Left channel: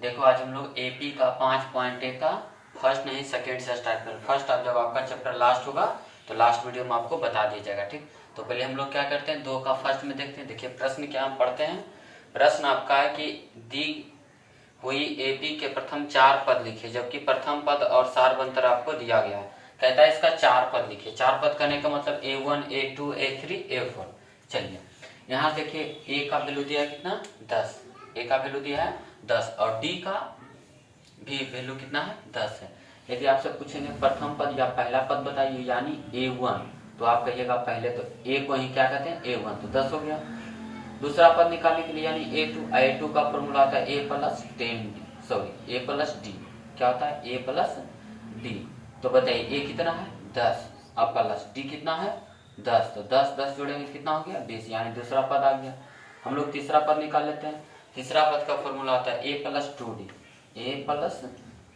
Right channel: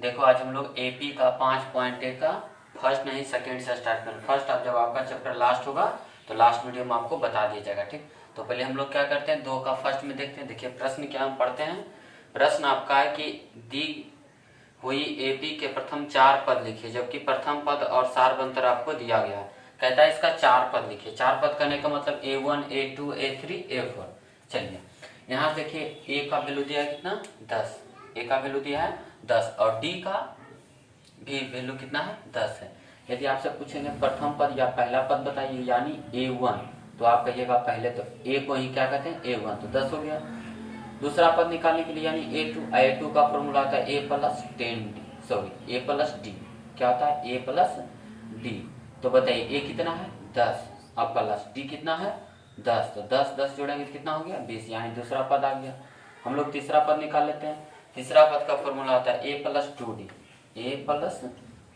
देखो आज हम लोग एपी का 5.1 का फर्स्ट नहीं सेकेंड से स्टार्ट करें। फर्स्ट अब जब आपका चैप्टर लास्ट होगा तो लास्ट वीडियो में आपको बता दिया जाएगा। ठीक, तो पहले हम लोग क्या करते हैं, 2 का फर्स्ट में देखते हैं। देखिए प्रश्न क्या हम पढ़ते हैं। प्रश्न आपका है कि दी हुई एपी के प्रथम 4 पद लिखिए, जबकि प्रथम पद और सारवंतर आपको दिया गया है। कहता है इसका 4 पद लिखिए। 4 पद करने का मतलब A1 A2 A3 A4। चलिए यहाँ देखिए ए का वैल्यू दिया है कितना 10, ए का वैल्यू दिया है 10 और डी का भी वैल्यू कितना है 10 है। यदि आपसे पूछेंगे प्रथम पद या पहला पद बताइए यानी A1, तो आप कहिएगा पहले तो ए को ही क्या कहते हैं A1, तो 10 हो गया। दूसरा पद निकालने के लिए यानी A2 का फॉर्मूला आता है A plus 10D, sorry A plus D. क्या होता है A प्लस डी। तो बताइए ए कितना है 10 और प्लस डी कितना है 10, तो 10 10 जोड़ेंगे तो कितना हो गया 20, यानी दूसरा पद आ गया। हम लोग तीसरा पद निकाल लेते हैं। तीसरा पद का फॉर्मूला आता है A plus 2D, A plus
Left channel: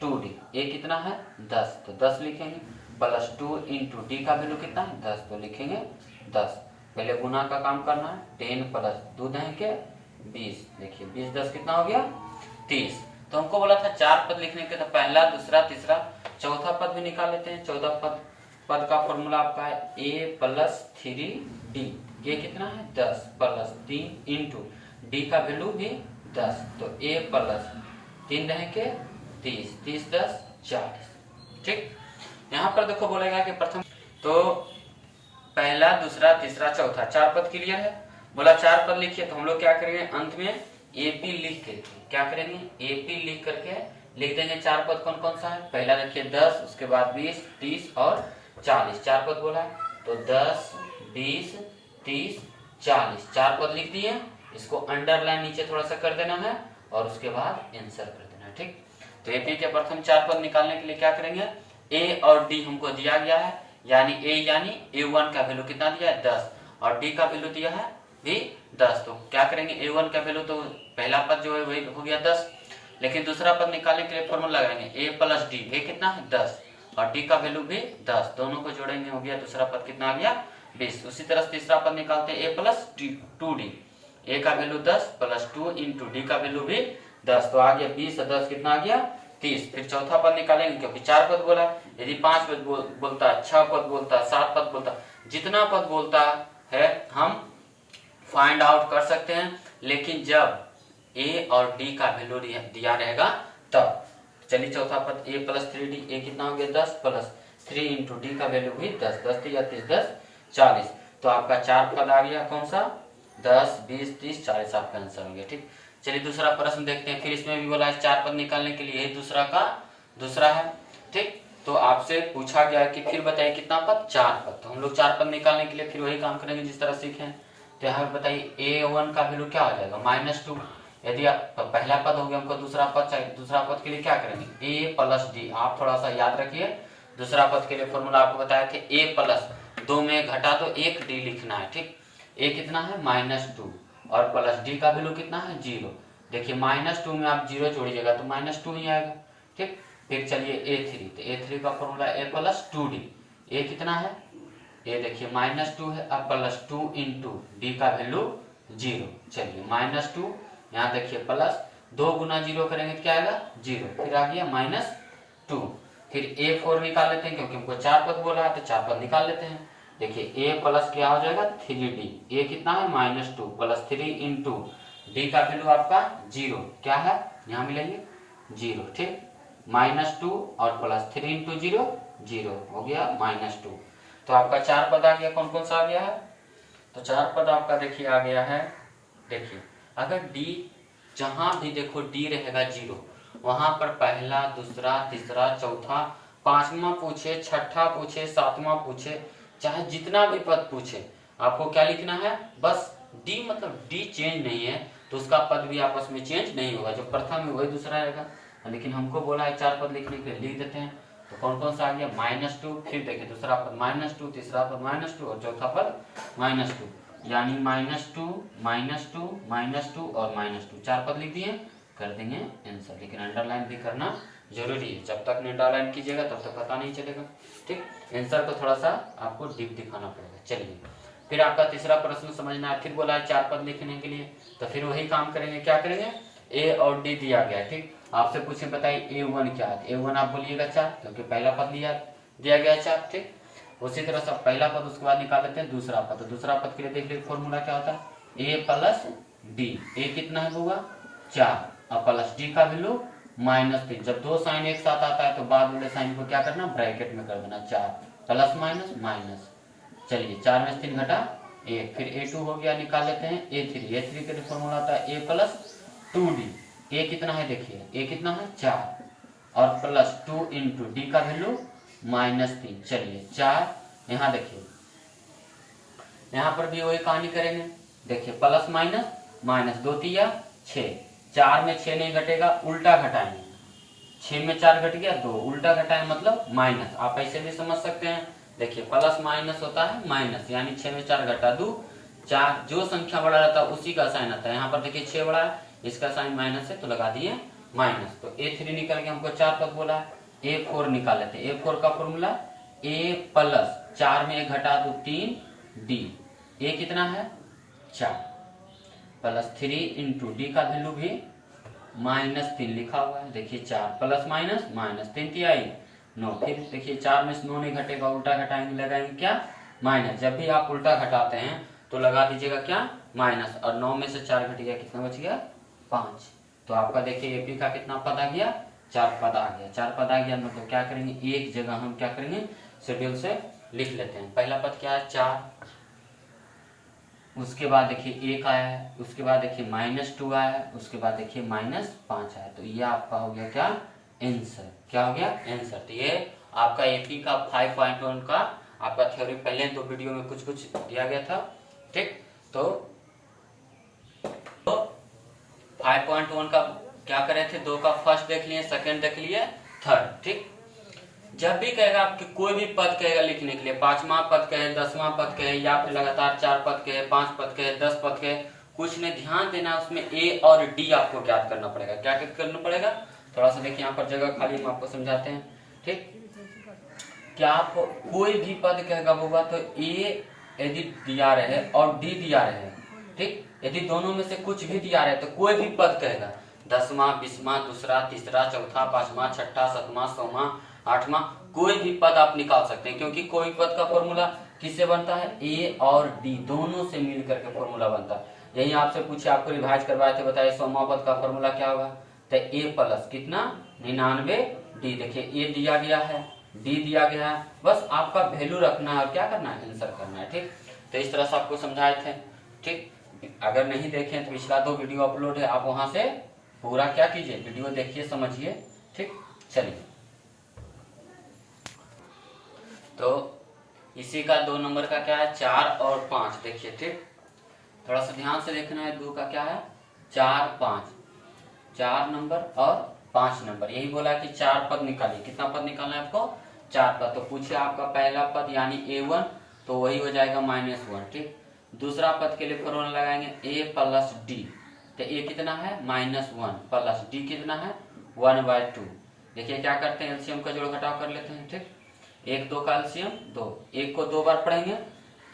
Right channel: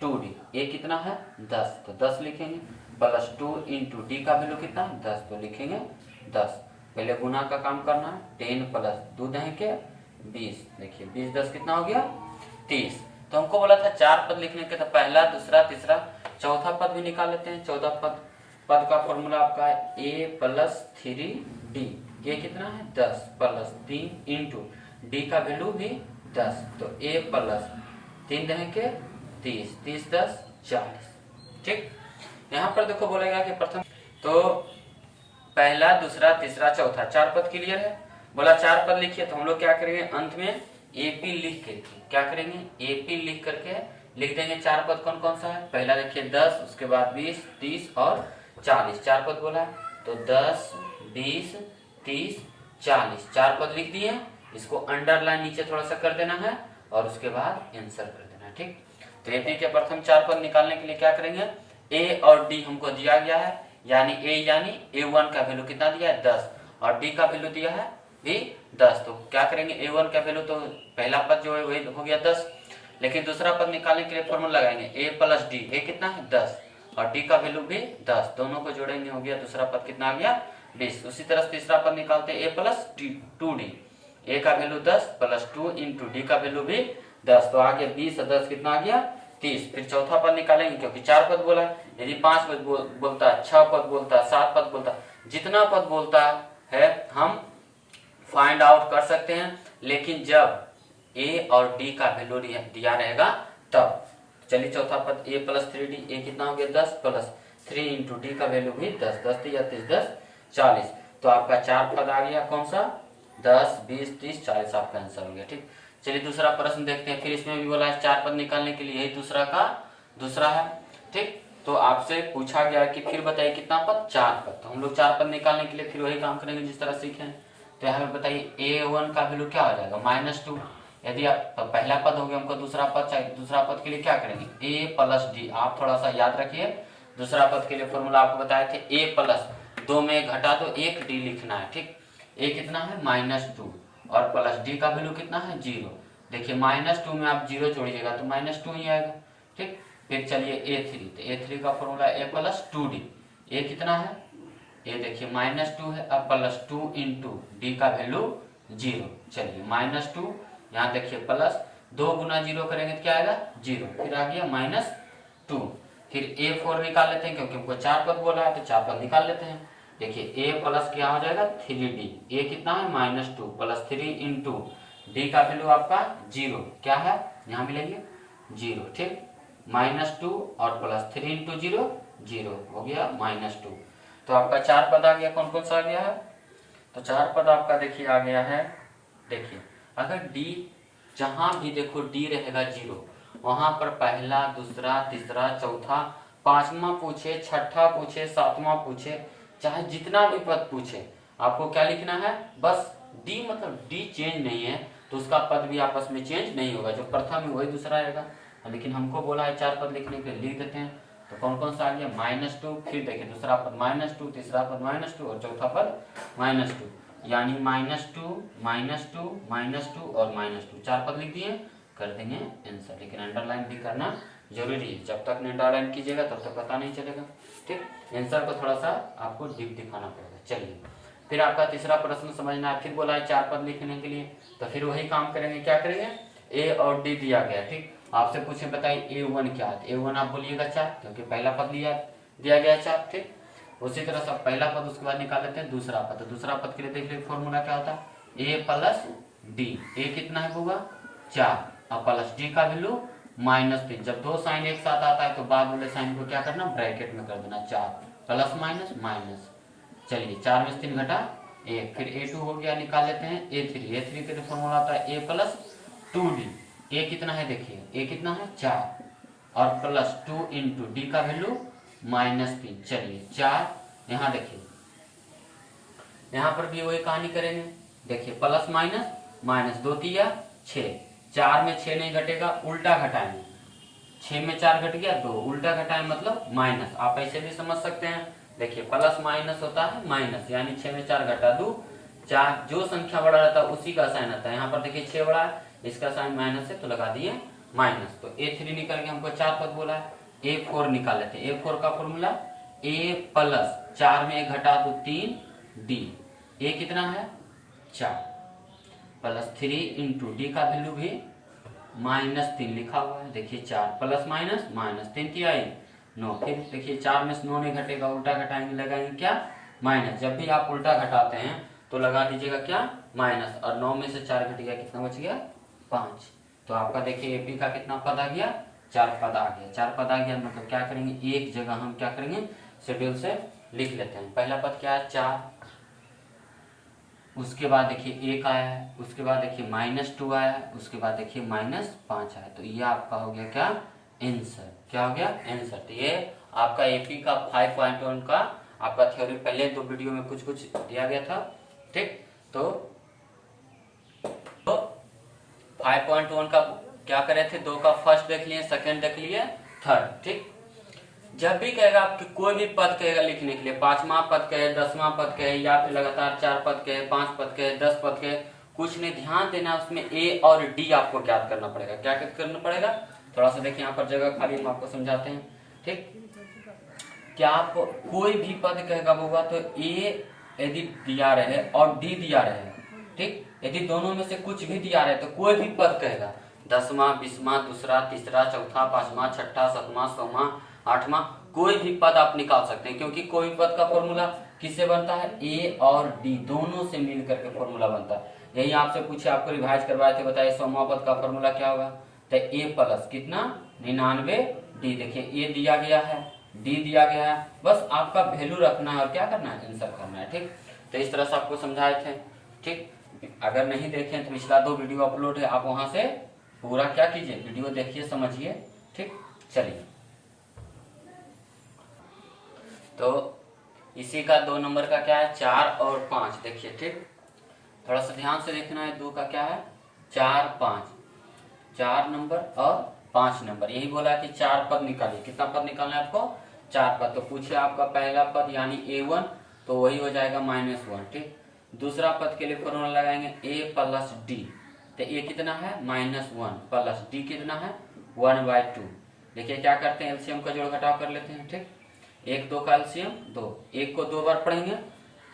2D। ए कितना है 10, तो 10 लिखेंगे प्लस 2 इंटू डी का वैल्यू कितना है 10, तो लिखेंगे 10। पहले गुना का काम करना है, 10 प्लस 2 के 20। देखिए 20 10 कितना हो गया 30। तो हमको बोला था 4 पद लिखने के, तो पहला दूसरा तीसरा चौथा पद भी निकाल लेते हैं। चौथा पद का फॉर्मूला आपका है A प्लस 3D। ये कितना है 10 प्लस 3 इंटू डी का वैल्यू भी 10, तो A प्लस 3 के 30, 30 10 40। ठीक, यहाँ पर देखो बोलेगा कि प्रथम तो पहला दूसरा तीसरा चौथा 4 पद क्लियर है। बोला 4 पद लिखिए, तो हम लोग क्या करेंगे अंत में एपी लिख के क्या करेंगे एपी लिख करके लिख देंगे। 4 पद कौन कौन सा है, पहला देखिए 10, उसके बाद 20 30 और 40। 4 पद बोला तो 10 20 30 40 4 पद लिख दिए। इसको अंडरलाइन नीचे थोड़ा सा कर देना है और उसके बाद आंसर कर देना है। ठीक, तो एपी के प्रथम 4 पद निकालने के लिए क्या करेंगे, ए और डी हमको दिया गया है, यानी A1 का वैल्यू कितना दिया है 10 और डी का वैल्यू दिया है भी 10। तो क्या करेंगे A1 का वैल्यू तो पहला पद जो है वही हो गया 10, लेकिन दूसरा पद निकालने के लिए फॉर्मूला लगाएंगे A प्लस डी। ए कितना है 10 और डी का वैल्यू भी 10, दोनों को जोड़ेंगे हो गया दूसरा पद कितना आ गया 20। उसी तरह तीसरा पद निकालते हैं A प्लस 2D। ए का वैल्यू 10 प्लस 2 इंटू डी का वैल्यू भी 10, तो आगे 20 और 10 कितना आ गया 30। फिर चौथा पद निकालेंगे क्योंकि 4 पद बोला। यदि 5 पद बोलता, 6 पद बोलता, 7 पद बोलता, जितना पद बोलता है हम फाइंड आउट कर सकते हैं, लेकिन जब ए और डी का वैल्यू दिया रहेगा तब। चलिए चौथा पद A प्लस 3D, ए कितना हो गया 10 प्लस 3 इंटू डी का वैल्यू भी 10, 10 या 30 10 40। तो आपका 4 पद आ गया कौन सा 10 20 30 40, आपका आंसर हो गया। ठीक, चलिए दूसरा प्रश्न देखते हैं। फिर इसमें भी बोला है 4 पद निकालने के लिए, यही दूसरा है। ठीक, तो आपसे पूछा गया कि फिर बताइए कितना पद 4 पद। तो हम लोग 4 पद निकालने के लिए फिर वही काम करेंगे जिस तरह सीखे। तो यहाँ पे बताइए A1 का वैल्यू क्या हो जाएगा -2। यदि आप पहला पद हो गया हमको दूसरा पद चाहिए, दूसरा पद के लिए क्या करेंगे A प्लस डी। आप थोड़ा सा याद रखिए, दूसरा पद के लिए फॉर्मूला आपको बताए थे A प्लस 2 में घटा दो 1 डी लिखना है। ठीक, ए कितना है -2 और प्लस डी का वैल्यू कितना है 0। देखिए -2 में आप 0 जोड़िएगा तो -2 ही आएगा। ठीक, फिर चलिए A3, तो A3 का फॉर्मूला A प्लस 2D। ए कितना है ये देखिए -2 है, अब प्लस 2 इंटू डी का वैल्यू 0। चलिए -2 यहाँ देखिए प्लस 2 गुना 0 करेंगे तो क्या आएगा 0, फिर आ गया -2। फिर A4 निकाल लेते हैं क्योंकि हमको 4 पद बोला है, तो 4 पद निकाल लेते हैं। देखिए A प्लस क्या हो जाएगा 3D। ए कितना है -2 प्लस 3 इंटू डी का वैल्यू आपका 0 क्या है यहाँ मिलेंगे 0। ठीक, -2 और प्लस 3 इंटू 0 0 हो गया -2। तो आपका 4 पद आ गया। कौन कौन सा आ गया है, तो 4 पद आपका देखिए आ गया है। देखिए अगर डी जहां भी देखो डी रहेगा 0, वहां पर पहला दूसरा तीसरा चौथा 5वां पूछे 6ठा पूछे 7वां पूछे, चाहे जितना भी पद पूछे आपको क्या लिखना है बस डी, मतलब डी चेंज नहीं है तो उसका पद भी आपस में चेंज नहीं होगा। जो प्रथम है वही दूसरा रहेगा, लेकिन हमको बोला है 4 पद लिखने के लिए, लिख देते हैं। तो कौन कौन सा आ गया -2, फिर देखिए दूसरा पद -2, तीसरा पद -2 और चौथा पद -2, यानी -2 -2 -2 और -2 4 पद लिख दिए, कर देंगे आंसर। लेकिन अंडरलाइन भी करना जरूरी है, जब तक अंडरलाइन कीजिएगा तब तक पता नहीं चलेगा। ठीक, आंसर को थोड़ा सा आपको डीप दिखाना पड़ेगा। चलिए फिर आपका तीसरा प्रश्न समझना है। फिर बोला है 4 पद लिखने के लिए, तो फिर वही काम करेंगे। क्या करेंगे A और D दिया गया। ठीक, आपसे पूछे बताइए A1 क्या है, A1 आप बोलिएगा 4, क्योंकि पहला पद दिया गया है 4। ठीक, उसी तरह सब पहला पद उसके बाद निकाल लेते हैं दूसरा पद। तो दूसरा पद के लिए देख लीजिए फॉर्मूला क्या होता है, A प्लस डी। ए कितना है होगा 4 और प्लस डी का वैल्यू -3। जब दो साइन एक साथ आता है तो बाद वाले साइन को क्या करना, ब्रैकेट में कर देना, 4 प्लस माइनस माइनस। चलिए 4 में से 3 घटा 1, फिर A2 हो गया, निकाल लेते हैं A3। A3 के लिए फॉर्मूला आता है A प्लस 2D। ए कितना है देखिए, ए कितना है 4 और प्लस 2 इंटू डी का वैल्यू -3। चलिए 4, यहाँ देखिए यहाँ पर भी वही कहानी करेंगे। देखिए प्लस माइनस माइनस, 2 तिया 6, 4 में 6 नहीं घटेगा, उल्टा घटाएंगे, 6 में 4 घट गया 2, उल्टा घटाएं मतलब माइनस। आप ऐसे भी समझ सकते हैं, देखिए प्लस माइनस होता है माइनस, यानी 6 में 4 घटा दो, 4 जो संख्या बड़ा रहता है उसी का साइन आता है। यहाँ पर देखिए 6 बड़ा है, इसका साइन माइनस है तो लगा दिए माइनस। तो A3 निकल के हमको 4 पद बोला है। A4 निकाल लेते हैं। A4 का फॉर्मूला A प्लस 4 में 1 घटा दो 3 D। A कितना है 4 प्लस 3 इंटू डी का वैल्यू भी -3 लिखा हुआ है। देखिए 4 प्लस माइनस माइनस, 3 तिहाई 9। फिर देखिए 4 में से 9 नहीं घटेगा, उल्टा घटाएंगे, लगाएंगे क्या माइनस। जब भी आप उल्टा घटाते हैं तो लगा दीजिएगा क्या माइनस, और 9 में से 4 घट गया, कितना बच गया 5। तो आपका देखिए एपी का कितना पद आ गया, 4 पद आ गया। 4 पद आ गया मतलब क्या करेंगे, एक जगह हम क्या करेंगे शेड्यूल से लिख लेते हैं। पहला पद क्या है 4, उसके बाद देखिए 1 आया है, उसके बाद देखिए -2 आया है, उसके बाद देखिए -5 आया। तो ये आपका हो गया क्या आंसर, क्या हो गया आंसर। तो ये आपका एपी का 5.1 का आपका थ्योरी पहले 2 वीडियो में कुछ दिया गया था। ठीक, तो 5.1 का क्या करे थे, 2 का फर्स्ट देख लिए, सेकंड देख लिए, थर्ड। ठीक, जब भी कहेगा आपकी कोई भी पद कहेगा लिखने के लिए, 5वां पद कहे, 10वां पद कहे, या फिर लगातार 4 पद कहे, 5 पद कहे, 10 पद कहे, कुछ नहीं, ध्यान देना उसमें ए और डी आपको ज्ञात करना पड़ेगा। क्या करना पड़ेगा, थोड़ा सा देखिए यहाँ पर जगह खाली, हम आपको समझाते हैं। ठीक, क्या आपको कोई भी पद कहेगा होगा तो ए यदि दिया रहे और डी दिया रहे, ठीक, यदि दोनों में से कुछ भी दिया रहे तो कोई भी पद कहेगा, 10वां 20वां दूसरा तीसरा चौथा 5वां 6वां 7वां 6वां 8वां, कोई भी पद आप निकाल सकते हैं, क्योंकि कोई पद का फॉर्मूला किससे बनता है, ए और डी दोनों से मिल करके फॉर्मूला बनता है। यही आपसे पूछे, आपको रिवाइज करवाए थे, बताइए 100वां पद का फॉर्मूला क्या होगा, तो ए प्लस कितना 99 डी। देखिए ए दिया गया है, डी दिया गया है, बस आपका वैल्यू रखना है और क्या करना है आंसर करना है। ठीक, तो इस तरह से आपको समझाए थे। ठीक, अगर नहीं देखें तो पिछला 2 वीडियो अपलोड है, आप वहां से पूरा क्या कीजिए वीडियो देखिए समझिए। ठीक, चलिए, तो इसी का 2 नंबर का क्या है 4 और 5 देखिए। ठीक, थोड़ा सा ध्यान से देखना है, 2 का क्या है 4 5, 4 नंबर और 5 नंबर, यही बोला कि 4 पद निकालिए। कितना पद निकालना है आपको 4 पद। तो पूछे आपका पहला पद यानी A1, तो वही हो जाएगा -1। ठीक, दूसरा पद के लिए फॉर्मूला लगाएंगे A प्लस डी, तो A कितना है -1 प्लस डी कितना है 1/2। देखिए क्या करते हैं, एलसीएम का जोड़ घटाव कर लेते हैं। ठीक, 1 2 का एलसीएम 2, 1 को 2 बार पढ़ेंगे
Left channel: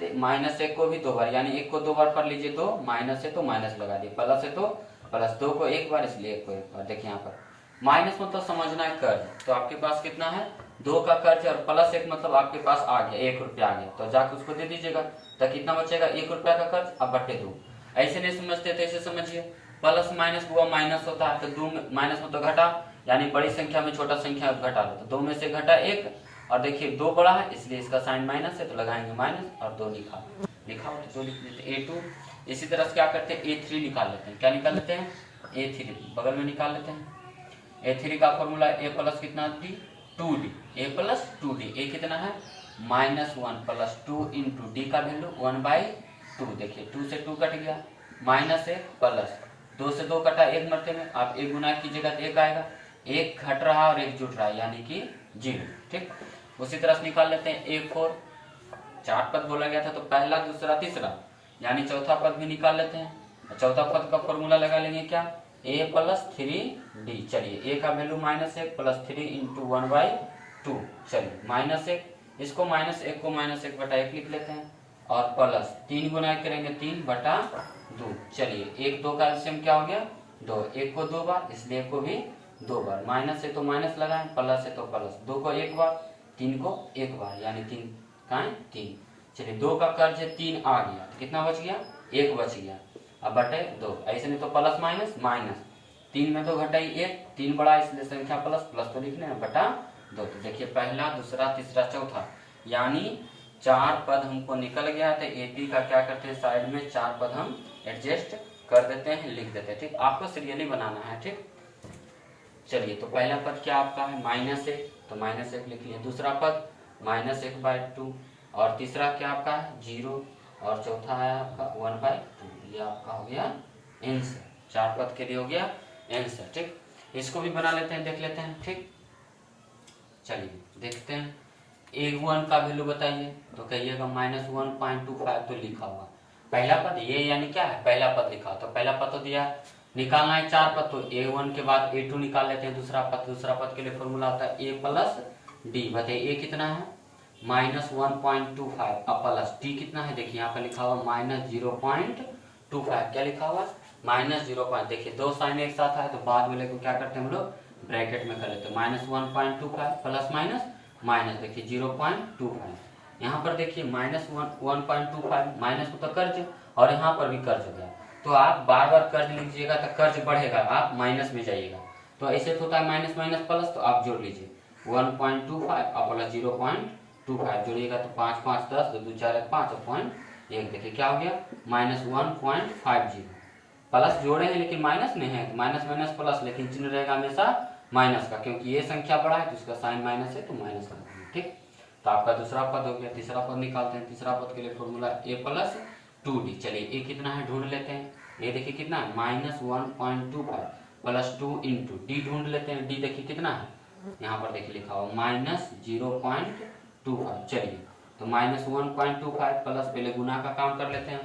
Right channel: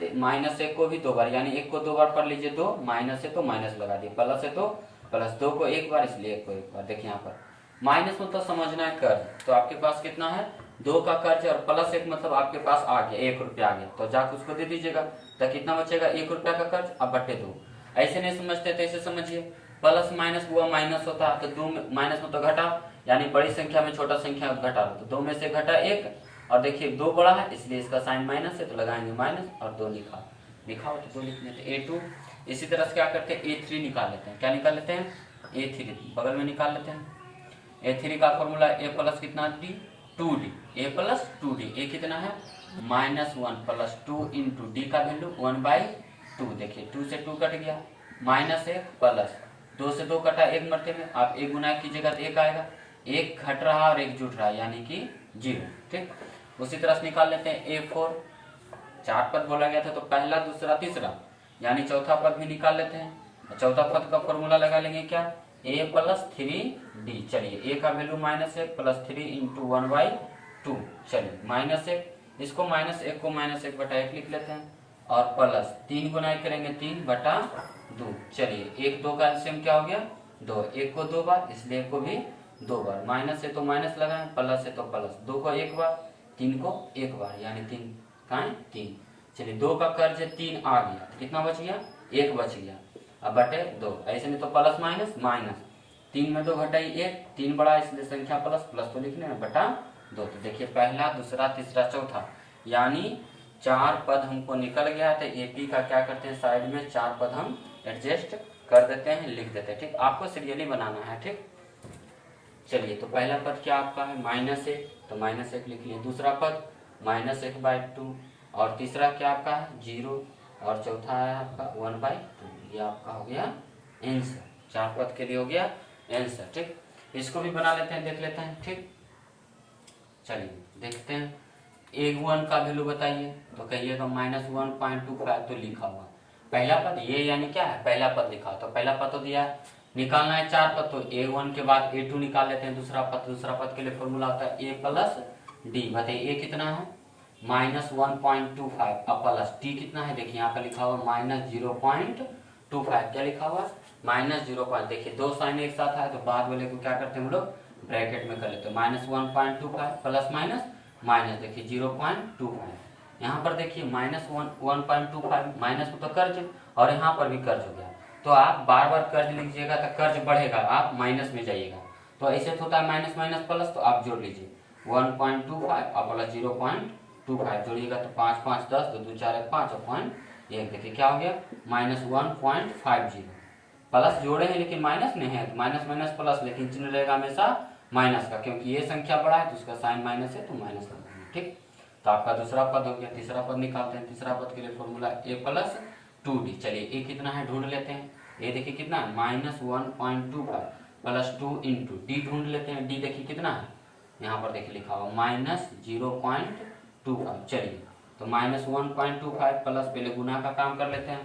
तो -1 को भी 2 बार, यानी 1 को 2 बार पढ़ लीजिए, 2 माइनस है तो माइनस लगा दिए, प्लस है तो प्लस, 2 को 1 बार इसलिए 1 को 1 बार। देखिए यहाँ पर माइनस मतलब समझना है कर्ज, तो आपके पास कितना है 2 का कर्ज, और +1 मतलब आपके पास आ गया 1 रुपया आ गया, तो जाकर उसको दे दीजिएगा, तो कितना बचेगा 1 रुपया का कर्ज, अब बटे 2। ऐसे नहीं समझते तो ऐसे समझिए, प्लस माइनस हुआ माइनस होता है, तो 2 में माइनस में तो घटा, यानी बड़ी संख्या में छोटा संख्या घटा लो, तो 2 में से घटा 1, और देखिए 2 बड़ा है इसलिए इसका साइन माइनस है, तो लगाएंगे माइनस और 2 लिखा तो 2 लिख लेते A2। इसी तरह से क्या करते हैं A3 निकाल लेते हैं। क्या निकाल लेते हैं A3, बगल में निकाल लेते हैं। A3 का फॉर्मूला A प्लस कितना D 2D, A plus 2D, A कितना है -1 प्लस 2 इंटू डी का वैल्यू 1/2। देखिए 2 से 2 कट गया, -1 प्लस 2 से 2 कटा 1 मरते में, आप 1 गुना कीजिएगा तो 1 आएगा, 1 घट रहा है और 1 जुट रहा है यानी कि 0। ठीक, उसी तरह से निकाल लेते हैं A4, 4 पद बोला गया था तो पहला दूसरा तीसरा यानी चौथा पद भी निकाल लेते हैं। चौथा पद का फॉर्मूला लगा लेंगे क्या A प्लस 3D। चलिए A का वैल्यू -1 प्लस 3 इंटू 1/2। चलिए -1, इसको -1 को -1/1 लिख लेते हैं, और प्लस 3 गुना करेंगे 3/2। चलिए 1 2 का एलसीएम क्या हो गया 2, 1 को 2 बार इसलिए 1 को भी 2 बार, माइनस है तो माइनस लगाएं, प्लस है तो प्लस, 2 को 1 बार, 3 को 1 बार, यानी 3 कहाँ है 3। चलिए 2 का कर्ज है 3 आ गया, तो कितना बच गया 1 बच गया। अब बटे 2, ऐसे नहीं तो प्लस माइनस माइनस, 3 में 2 घटाई 1, 3 बड़ा इसलिए संख्या प्लस, प्लस तो लिखने हैं बटा 2। तो देखिए पहला दूसरा तीसरा चौथा, यानी 4 पद हमको निकल गया। तो एपी का क्या करते हैं, साइड में 4 पद हम एडजस्ट कर देते हैं, लिख देते हैं। ठीक, आपको सीरियली बनाना है। ठीक, चलिए तो पहला पद क्या आपका है -1, तो -1 लिख लिया। दूसरा पद -1/2, और तीसरा क्या आपका है 0, और चौथा है आपका 1/2। ये आपका हो गया आंसर, 4 पद के लिए हो गया आंसर। ठीक, इसको भी बना लेते हैं, देख लेते हैं। ठीक, चलिए देखते हैं। A1 का वैल्यू बताइए, तो कहिएगा -1.25, तो लिखा हुआ पहला पद ये, यानी क्या है पहला पद लिखा, तो पहला पद तो दिया, निकालना है 4 पद, तो A1 के बाद A2 निकाल लेते हैं। दूसरा पद के लिए फॉर्मूला आता है A + D। बताइए A कितना है -1.25, अब प्लस D कितना है, देखिए यहाँ पर लिखा हुआ -0.25, क्या लिखा हुआ -0. देखिए 2 साइन एक साथ है, तो बाद वाले को क्या करते हैं हम लोग ब्रैकेट में कर लेते हैं, -1.25 प्लस माइनस माइनस, देखिए 0.25। यहाँ पर देखिए -1.25, माइनस को तो कर्ज, और यहाँ पर भी कर्ज हो गया, तो आप बार बार कर्ज लीजिएगा तो कर्ज बढ़ेगा, आप माइनस में जाइएगा। तो ऐसे होता है माइनस माइनस प्लस, तो आप जोड़ लीजिए 1.25 और प्लस 0.25 जोड़िएगा, तो 5 5 10, 2 2 4 5 और 0.1, देखिए क्या हो गया -1.50। प्लस जोड़े हैं लेकिन माइनस नहीं है, माइनस माइनस प्लस, लेकिन चिन्ह रहेगा हमेशा माइनस का, क्योंकि ये संख्या बड़ा है तो उसका साइन माइनस है, तो माइनस लगाएंगे। ठीक, तो आपका दूसरा पद हो गया। तीसरा पद निकालते हैं। तीसरा पद के लिए फॉर्मूला A + 2D। चलिए A कितना है ढूंढ लेते हैं। A देखिए कितना है -1.25 प्लस 2 इंटू D ढूंढ लेते हैं। D देखिए कितना है, यहाँ पर देखिए लिखा हुआ -0.25। चलिए तो -1.25 प्लस, पहले गुना का काम कर लेते हैं,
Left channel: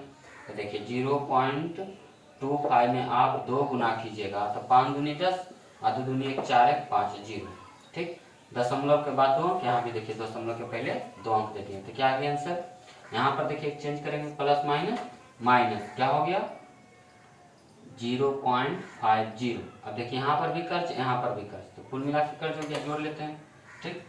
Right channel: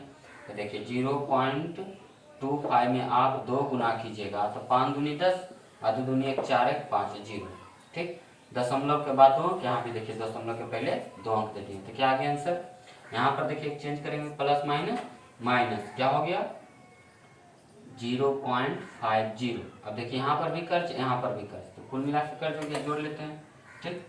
तो देखिए 0.25 में आप 2 गुना कीजिएगा, तो 5 दूनी 10 और 2 दूनी 1 4 1 5 0। ठीक, दशमलव के बाद 2, यहाँ भी देखिए दशमलव के पहले 2 अंक दे दिए, तो क्या आ गया आंसर। यहाँ पर देखिए चेंज करेंगे, प्लस माइनस माइनस क्या हो गया 0.50। अब देखिए यहाँ पर भी कर्ज, यहाँ पर भी कर्ज, तो कुल मिला के कर्ज हो गया, जोड़ लेते हैं। ठीक,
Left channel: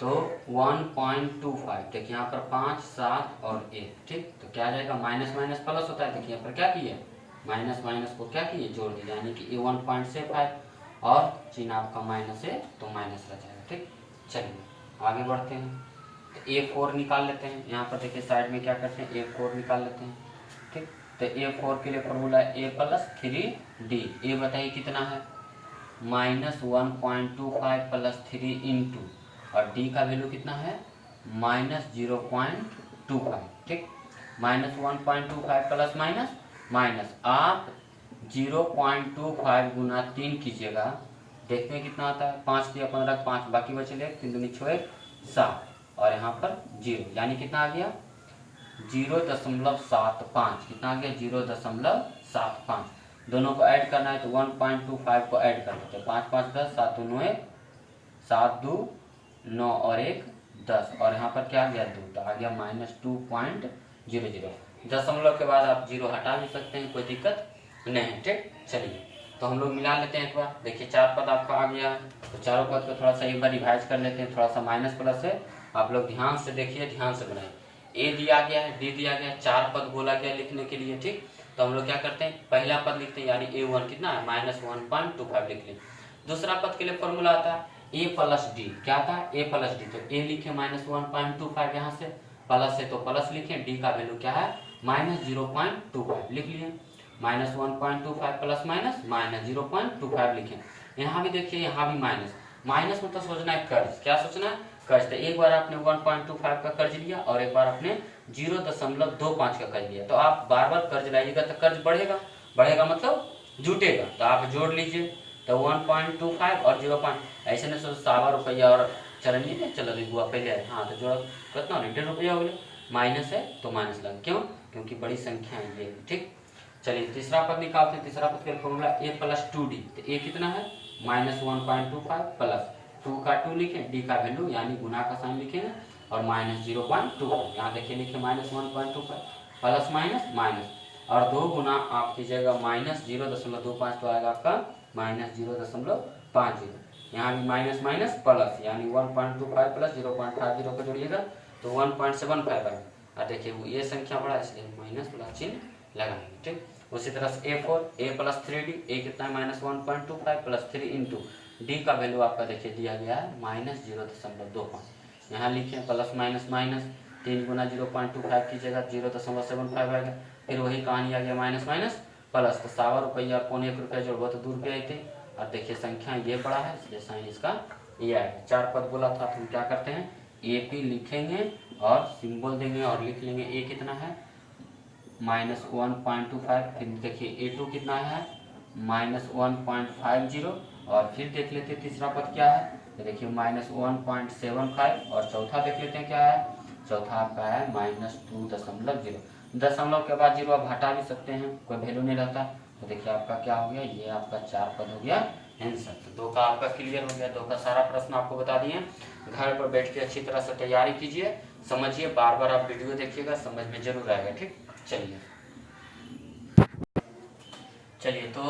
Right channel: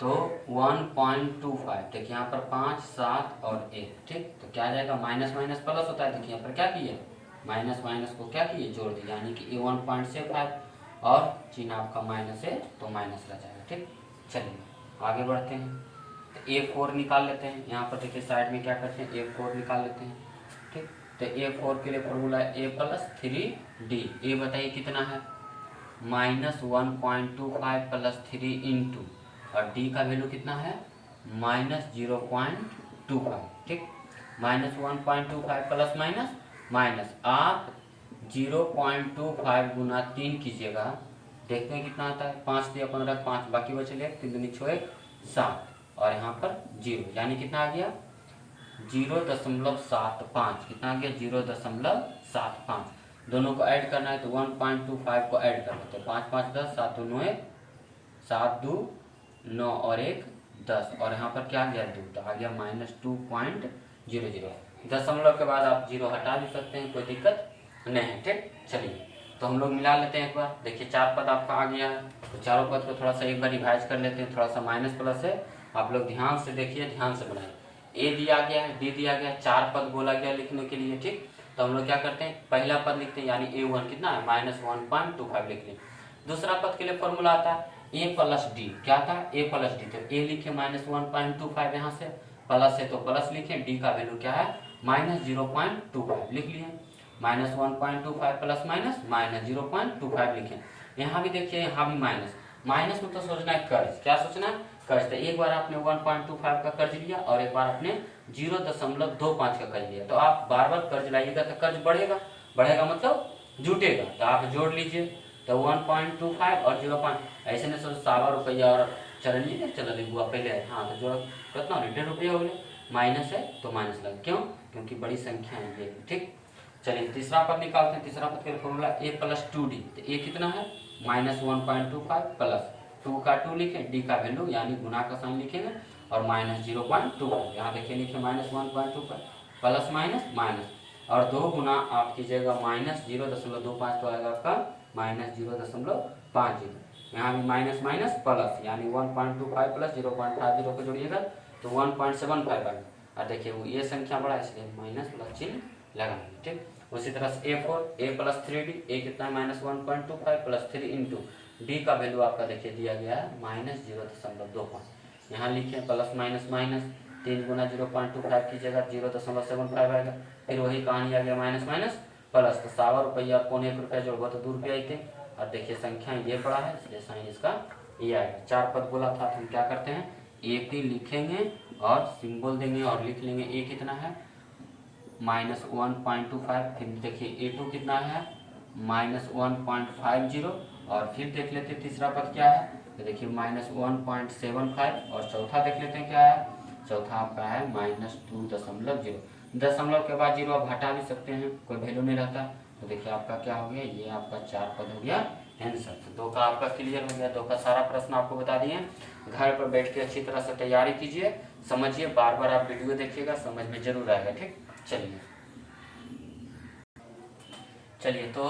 तो 1.25, देखिए यहाँ पर 5 7 और 1। ठीक, तो क्या आ जाएगा, माइनस माइनस प्लस होता है, देखिए यहाँ पर क्या किए माइनस माइनस को क्या किए जोड़ दिए, यानी कि ये 1.5 और चिन्ह आपका माइनस है तो माइनस रह जाएगा। ठीक, चलिए आगे बढ़ते हैं। तो A4 निकाल लेते हैं। यहाँ पर देखिए साइड में क्या करते हैं A4 निकाल लेते हैं। ठीक, तो A4 के लिए फॉर्मूला A + 3D। A बताइए कितना है -1.25 प्लस 3 इंटू, और D का वैल्यू कितना है -0.25। ठीक, -1.25 प्लस माइनस माइनस, आप 0.25 गुना 3 कीजिएगा, देखते हैं कितना आता है। 5 दिया 15 5, बाकी बचे 3 दूनी 6 7, और यहाँ पर 0, यानी कितना आ गया 0.75। कितना आ गया 0.75। दोनों को ऐड करना है तो 1.25 को ऐड कर लेते हैं। 5 5 10, 7 2 9 7 2 9 और 1 10, और यहाँ पर क्या आ गया 2, तो आ गया -2.00। दशमलव के बाद आप 0 हटा भी सकते हैं, कोई दिक्कत नहीं है। ठीक, चलिए तो हम लोग मिला लेते हैं एक बार। देखिए 4 पद आपका आ गया है, तो चारों पद को थोड़ा सा एक बार रिवाइज कर लेते हैं, थोड़ा सा माइनस प्लस है, आप लोग ध्यान से देखिए, ध्यान से बनाइए। A दिया गया है, D दिया गया है, 4 पद बोला गया लिखने के लिए। ठीक, तो हम लोग क्या करते हैं, पहला पद लिखते हैं, यानी A1 कितना है -1.25 लिख लें। दूसरा पद के लिए फॉर्मूला आता है A + D। क्या था A + D, तो A लिखे -1.25, यहाँ से प्लस है तो प्लस लिखें, D का वैल्यू क्या है -0.25 लिख लिए। -1.25 प्लस माइनस -0.25 लिखें। यहाँ भी देखिए, यहाँ भी माइनस, माइनस में तो सोचना है कर्ज, क्या सोचना है कर्ज। तो एक बार आपने 1.25 का कर्ज लिया और एक बार आपने 0.25 का कर्ज लिया, तो आप बार बार कर्ज लाइएगा तो कर्ज बढ़ेगा, बढ़ेगा मतलब जुटेगा, तो आप जोड़ लीजिए। तो 1.25 और 0. ऐसे नहीं सोचो 100 रुपया और चल लीजिए, चलो हुआ पहले, हाँ तो जो कितना 1.5 रुपया हो गया, माइनस है तो माइनस लगा, क्यों, क्योंकि बड़ी संख्या है ये। ठीक, चलिए तीसरा पद निकालते हैं। तीसरा पद के फॉर्मूला A + 2D। तो A कितना है -1.25 प्लस 2 का 2 लिखें, D का वैल्यू यानी गुना का साइन लिखेंगे, और -0.25, यहाँ देखिए लिखे -1.25 प्लस माइनस माइनस, और 2 गुना आप कीजिएगा -0.25, तो आएगा आपका -0.50। यहाँ भी माइनस माइनस प्लस, यानी 1.25 प्लस 0.50 को जोड़िएगा तो 1.75 आएगा। और देखिए वो ये संख्या बड़ा इसलिए माइनस प्लस चिन्ह लगाएंगे। ठीक, उसी तरह से A4 A plus 3D, A कितना है -1.25 प्लस 3 इंटू डी का वैल्यू आपका देखिए दिया गया है -0.25। यहाँ लिखे प्लस माइनस माइनस 3 गुना 0.25 की जगह 0.75 आएगा। फिर वही कहानी आ गया माइनस माइनस प्लस, तो 1.25 रुपया पौने 1 रुपया जोड़ो तो 2 रुपया आई थे। और देखिए संख्या ये बड़ा है इसलिए साइन इसका ये आएगा। 4 पद बोला था तो हम क्या करते हैं AP लिखेंगे और सिंबल देंगे और लिख लेंगे A कितना है -1.25। फिर देखिए A2 कितना है -1.50। और फिर देख लेते हैं तीसरा पद क्या है, तो देखिए -1.75। और चौथा देख लेते हैं क्या है, चौथा आपका है -2.0। दशमलव के बाद 0 आप हटा भी सकते हैं, कोई वैल्यू नहीं रहता। तो देखिए आपका क्या हो गया, ये आपका 4 पद हो गया आंसर। तो 2 का आपका क्लियर हो गया, 2 का सारा प्रश्न आपको बता दिए। घर पर बैठ के अच्छी तरह से तैयारी कीजिए, समझिए, बार बार आप वीडियो देखिएगा, समझ में जरूर आएगा। ठीक, चलिए तो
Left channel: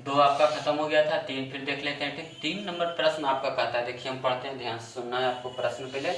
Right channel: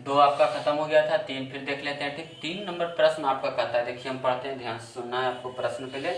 2 आपका खत्म हो गया था, 3 फिर देख लेते हैं। ठीक, 3 नंबर प्रश्न आपका कहता है, देखिए हम पढ़ते हैं, ध्यान से सुनना है आपको। प्रश्न पहले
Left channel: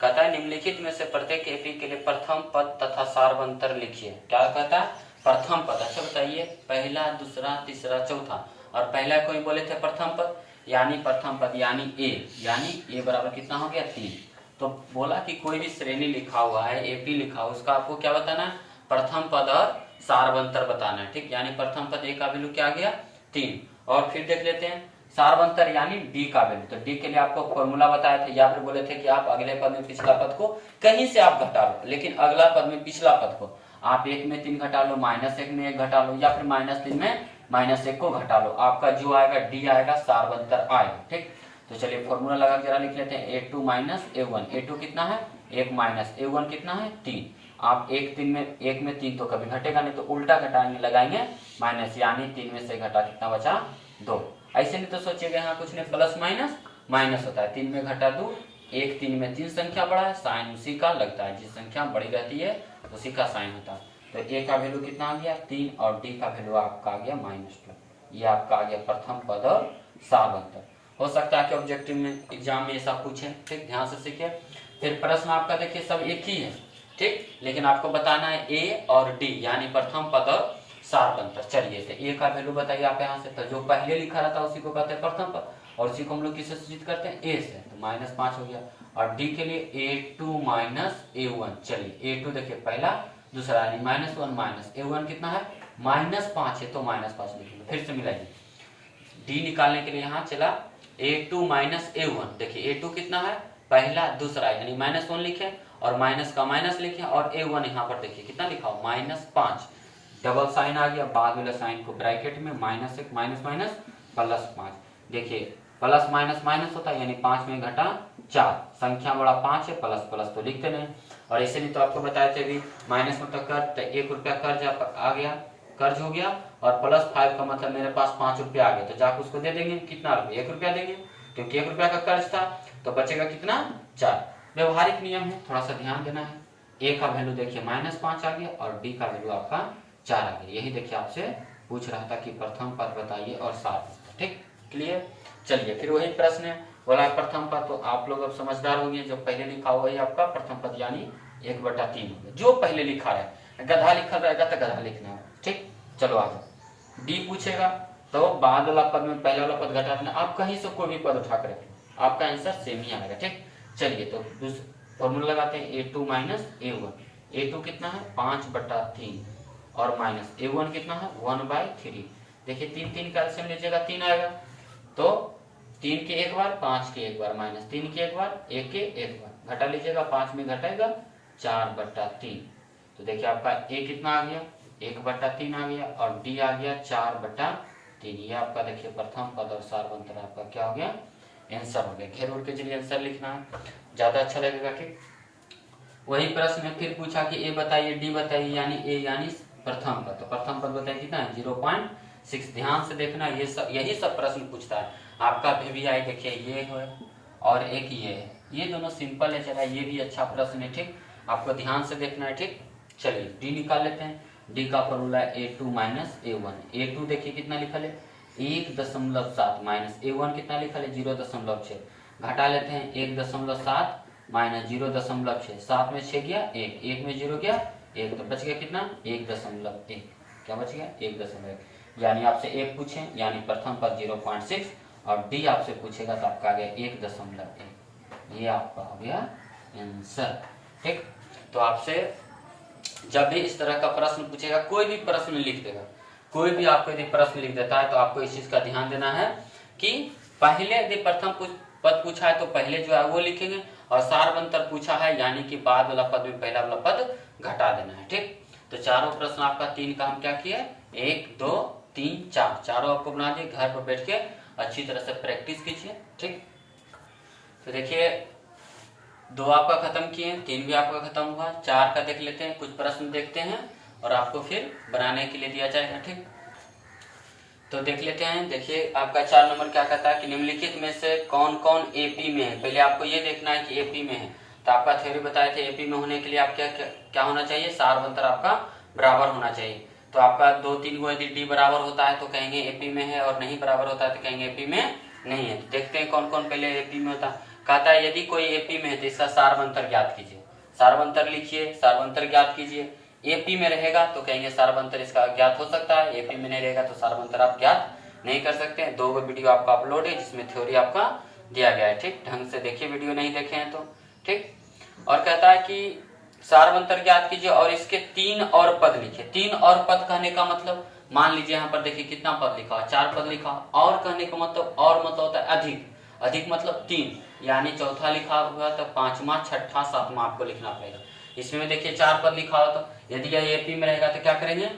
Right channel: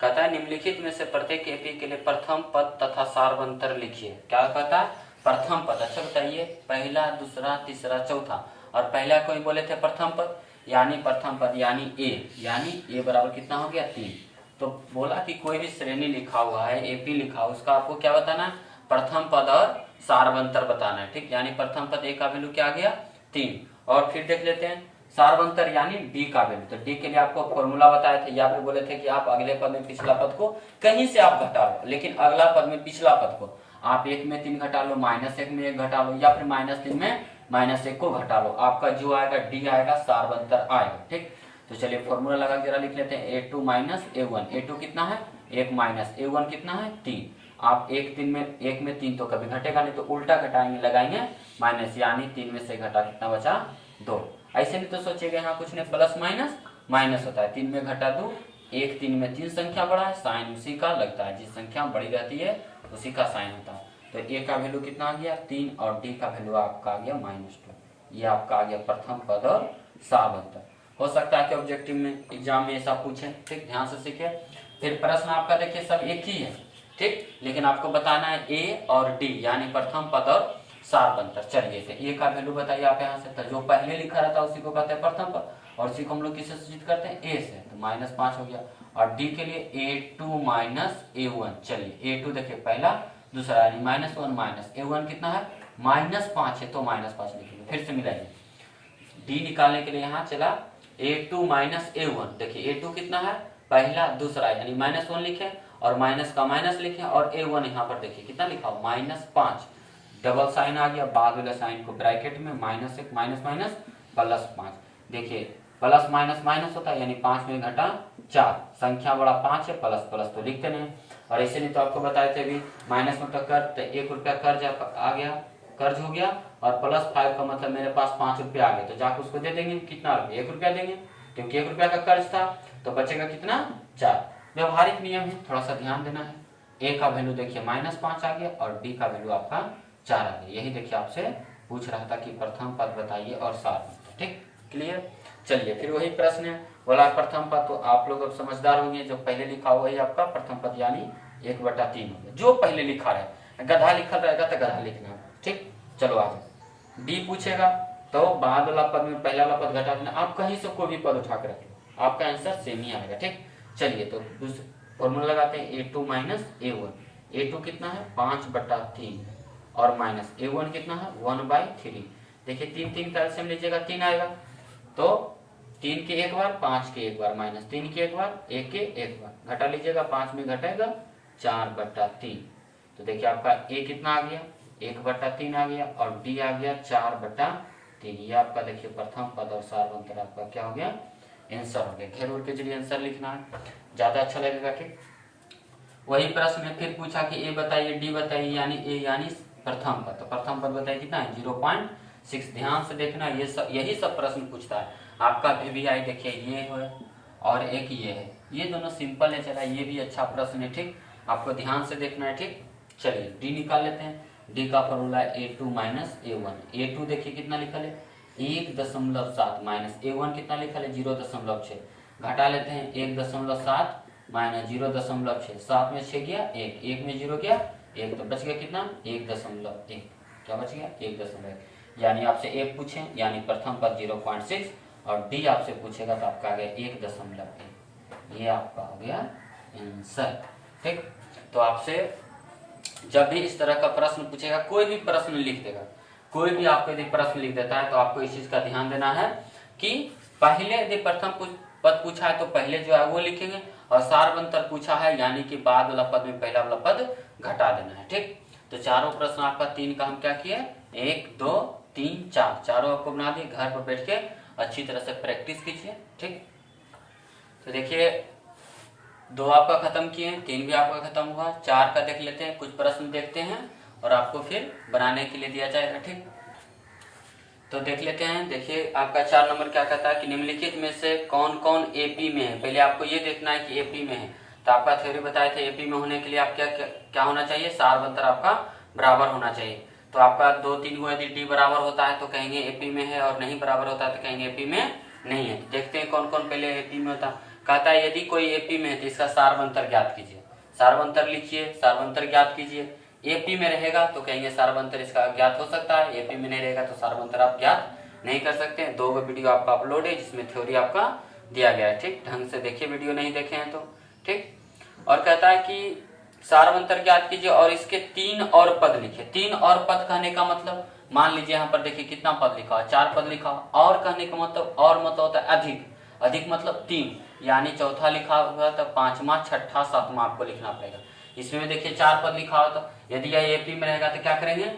कहता है निम्नलिखित में से प्रत्येक एपी के लिए प्रथम पद तथा सार्वंतर लिखिए। क्या कहता है, प्रथम पद। अच्छा बताइए, पहला, दूसरा, तीसरा, चौथा। और पहला कोई बोले थे प्रथम पद, यानी प्रथम पद यानी ए बराबर कितना हो गया 3। तो बोला कि कोई भी श्रेणी लिखा हुआ है, एपी लिखा हुआ, उसका आपको क्या बताना है, प्रथम पद और सार्वंतर बताना है। ठीक, यानी प्रथम पद ए का वैल्यू क्या आ गया 3। और फिर देख लेते हैं सार्वंतर यानी डी का वैल्यू। तो डी के लिए आपको फॉर्मूला बताए थे, या फिर बोले थे कि आप अगले पद में पिछला पद को कहीं से आप घटा लो, लेकिन अगला पद में पिछला पद को आप 1 में 3 घटा लो, -1 में 1 घटा लो, या फिर -3 में -1 को घटा लो, आपका जो आएगा डी आएगा, सार्वंतर आएगा। ठीक, तो चलिए फॉर्मूला लगा जरा लिख लेते हैं। A2 - A1, A2 कितना है 1 माइनस A1 कितना है 3। आप 1 में 3 तो कभी घटेगा नहीं, तो उल्टा घटाएंगे, लगाएंगे माइनस, यानी 3 में से घटा कितना बचा 2। ऐसे नहीं तो सोचिएगा यहाँ कुछ नहीं, प्लस माइनस माइनस होता है, 3 में घटा 2, 1 3 में 3 संख्या बड़ा है, साइन उसी का लगता है, जिस संख्या बड़ी रहती है उसी का साइन होता है। तो ए का वैल्यू कितना आ गया 3 और डी का वैल्यू आपका आ गया -2। ये आपका आ गया प्रथम पद और सार्वंतर। हो सकता है कि ऑब्जेक्टिव में एग्जाम में ऐसा पूछे। ठीक, ध्यान से सीखे। फिर प्रश्न आपका देखिए सब एक ही है। ठीक, लेकिन आपको बताना है ए और डी यानी प्रथम पद और सार्वंतर। चलिए तो ए का वैल्यू बताइए आप यहाँ से, तो जो पहले लिखा रहता है उसी को कहते हैं प्रथम पद, और उसी को हम लोग किससे सूचित करते हैं ए से, तो -5 हो गया। और डी के लिए A2 - A1। चलिए A2 देखिए पहला, दूसरा यानी -1 A1 कितना है -5 है, तो -5 लिखेंगे। फिर से मिलाइए, डी निकालने के लिए यहाँ चला A2 - A1। देखिए A2 कितना है पहला, दूसरा, यानी -1 लिखे और माइनस का माइनस लिखे, और A1 यहाँ पर देखिए कितना लिखा हो -5, डबल साइन आ गया, बाद वाले साइन को ब्रैकेट में -1 माइनस +5। देखिए प्लस माइनस माइनस होता है, यानी 5 में घटा 4, संख्या बड़ा 5 है, प्लस प्लस तो लिखते नहीं। और ऐसे नहीं तो आपको बताए थे अभी, माइनस मतलब कर्ज, तो 1 रुपया कर्ज आ गया, कर्ज हो गया, और +5 का मतलब मेरे पास 5 रुपया आ गया, तो जाकर उसको दे देंगे कितना रुपया 1 रुपया देंगे, क्योंकि 1 रुपया का कर्ज था, तो बचेगा कितना 4। व्यवहारिक नियम है, थोड़ा सा ध्यान देना है। ए का वैल्यू देखिए -5 आ गया और डी का वैल्यू आपका 4 आ गया। यही देखिए आपसे पूछ रहा था कि प्रथम पद बताइए और सार्वंतर। ठीक, क्लियर। चलिए फिर वही प्रश्न है, बोला प्रथम पद, तो आप लोग अब समझदार होंगे, जो पहले लिखा हुआ है आपका प्रथम पद यानी 1/3 होगा, जो पहले लिखा है। गधा लिखा रहेगा तो गधा लिखना है। ठीक, चलो आगे। डी पूछेगा तो बाद वाला पद में पहला वाला पद घटा देना, आप कहीं से कोई भी पद उठा कर रखें, आपका आंसर सेम ही आएगा। ठीक, चलिए तो फॉर्मूला लगाते हैं। A2 - A1, A2 कितना है 5/3 और माइनस A1 कितना है 1/3। देखिए 3 3 का एलसीएम लीजिएगा 3 आएगा, तो 3 के एक बार, 5 के एक बार, -3 के एक बार, 1 के एक बार, घटा लीजिएगा, 5 में घटेगा 4/3। तो देखिए आपका A कितना आ गया 1/3 आ गया, और D आ गया 4/3। ये आपका देखिए प्रथम पद और सार्वंतर आपका क्या हो गया आंसर हो गया। घेर उड़ के जरिए आंसर लिखना है, ज्यादा अच्छा लगेगा। ठीक, वही प्रश्न में फिर पूछा कि ए बताइए डी बताइए, यानी ए यानी प्रथम पद, तो प्रथम पद बताइए कितना है 0.6। ध्यान से देखना, ये सब यही सब प्रश्न पूछता है आपका। VVI देखिए ये है और एक ये है, ये दोनों सिंपल है, चला ये भी अच्छा प्रश्न है। ठीक, आपको ध्यान से देखना है। ठीक, चलिए डी निकाल लेते हैं। डी का फॉर्मूला A2 - A1। A2 देखिए कितना लिखा है 1.7 माइनस A1 कितना लिखा है 0.6, घटा लेते हैं 1.7 माइनस 0.6, 7 में 6 गया 1, 1 में 0 गया 1, तो बच गया कितना 1.1, क्या बच गया 1.1। यानी आपसे ए पूछे यानी प्रथम पद 0.6 और डी आपसे पूछेगा तो आपका आ गया 1.1, ये आपका हो गया आंसर। ठीक, तो आपसे जब भी इस तरह का प्रश्न पूछेगा, कोई भी प्रश्न लिख देगा, कोई भी आपको यदि प्रश्न लिख देता है तो आपको इस चीज का ध्यान देना है कि पहले यदि प्रथम पद पूछा है तो पहले जो है वो लिखेंगे, और सार्वंतर पूछा है यानी कि बाद वाला पद में पहला वाला पद घटा देना है। ठीक, तो चारों प्रश्न आपका 3 का हम क्या किए 1 2 3 4 चारों आपको बना दिए, घर पर बैठ के अच्छी तरह से प्रैक्टिस कीजिए। ठीक, तो देखिए 2 आपका खत्म किए, 3 भी आपका खत्म हुआ, 4 का देख लेते हैं, कुछ प्रश्न देखते हैं और आपको फिर बनाने के लिए दिया जाएगा। ठीक, तो देख लेते हैं। देखिए आपका 4 नंबर क्या कहता है कि निम्नलिखित में से कौन कौन एपी में है। पहले आपको ये देखना है कि एपी में है, तो आपका थ्योरी बताए थे एपी में होने के लिए आप क्या होना चाहिए, सार्वंतर आपका बराबर होना चाहिए। तो आपका 2 3 को यदि डी बराबर होता है तो कहेंगे एपी में है, और नहीं बराबर होता है तो कहेंगे एपी में नहीं है। तो देखते हैं कौन कौन पहले एपी में होता है। कहता है यदि कोई एपी में है तो इसका सार्वंतर ज्ञात कीजिए, सार्वंतर लिखिए, सार्वंतर ज्ञात कीजिए। एपी में रहेगा तो कहेंगे सार्वंतर इसका ज्ञात हो सकता है, एपी में नहीं रहेगा तो सार्वंतर आप ज्ञात नहीं कर सकते हैं। 2 वीडियो आपका अपलोड है जिसमें थ्योरी आपका दिया गया है। ठीक, ढंग से देखिए, वीडियो नहीं देखे हैं तो। ठीक, और कहता है कि सार्वंतर ज्ञात कीजिए और इसके 3 और पद लिखिए। 3 और पद कहने का मतलब, मान लीजिए यहाँ पर देखिए कितना पद लिखा है 4 पद लिखा, और कहने का मतलब, और मतलब होता है अधिक, अधिक मतलब 3, यानी चौथा लिखा हुआ है तो 5वां 6ठा 7वां आपको लिखना पड़ेगा। इसमें देखिए 4 पद लिखा हो तो यदि यह एपी में रहेगा तो क्या करेंगे,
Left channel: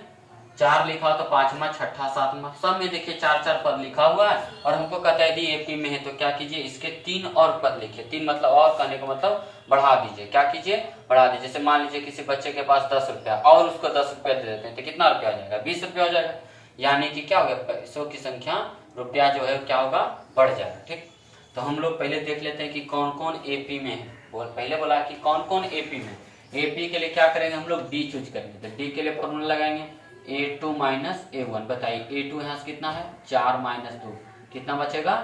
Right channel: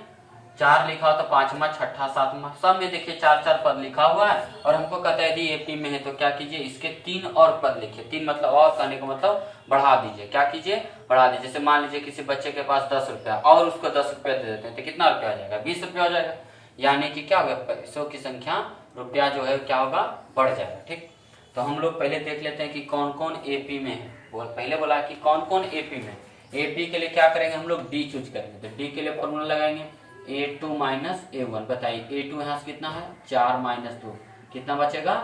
4 लिखा हो तो 5वां 6ठा 7वां, सब में देखिए 4 पद लिखा हुआ है, और हमको कहता है यदि एपी में है तो क्या कीजिए इसके 3 और पद लिखिए। 3 मतलब और कहने का मतलब बढ़ा दीजिए, क्या कीजिए बढ़ा दीजिए। जैसे मान लीजिए किसी बच्चे के पास 10 रुपया और उसको 10 रुपया दे देते हैं तो कितना रुपया हो जाएगा 20 रुपया हो जाएगा, यानी कि क्या होगा पैसों की संख्या रुपया जो है क्या होगा बढ़ जाएगा। ठीक, तो हम लोग पहले देख लेते हैं कि कौन कौन एपी में है। पहले बोला कि कौन कौन एपी में। एपी के लिए क्या करेंगे हम लोग डी चूज करेंगे, तो डी के लिए फॉर्मूला लगाएंगे A2 माइनस A1। बताइए A2 यहाँ से कितना है 4 माइनस 2, कितना बचेगा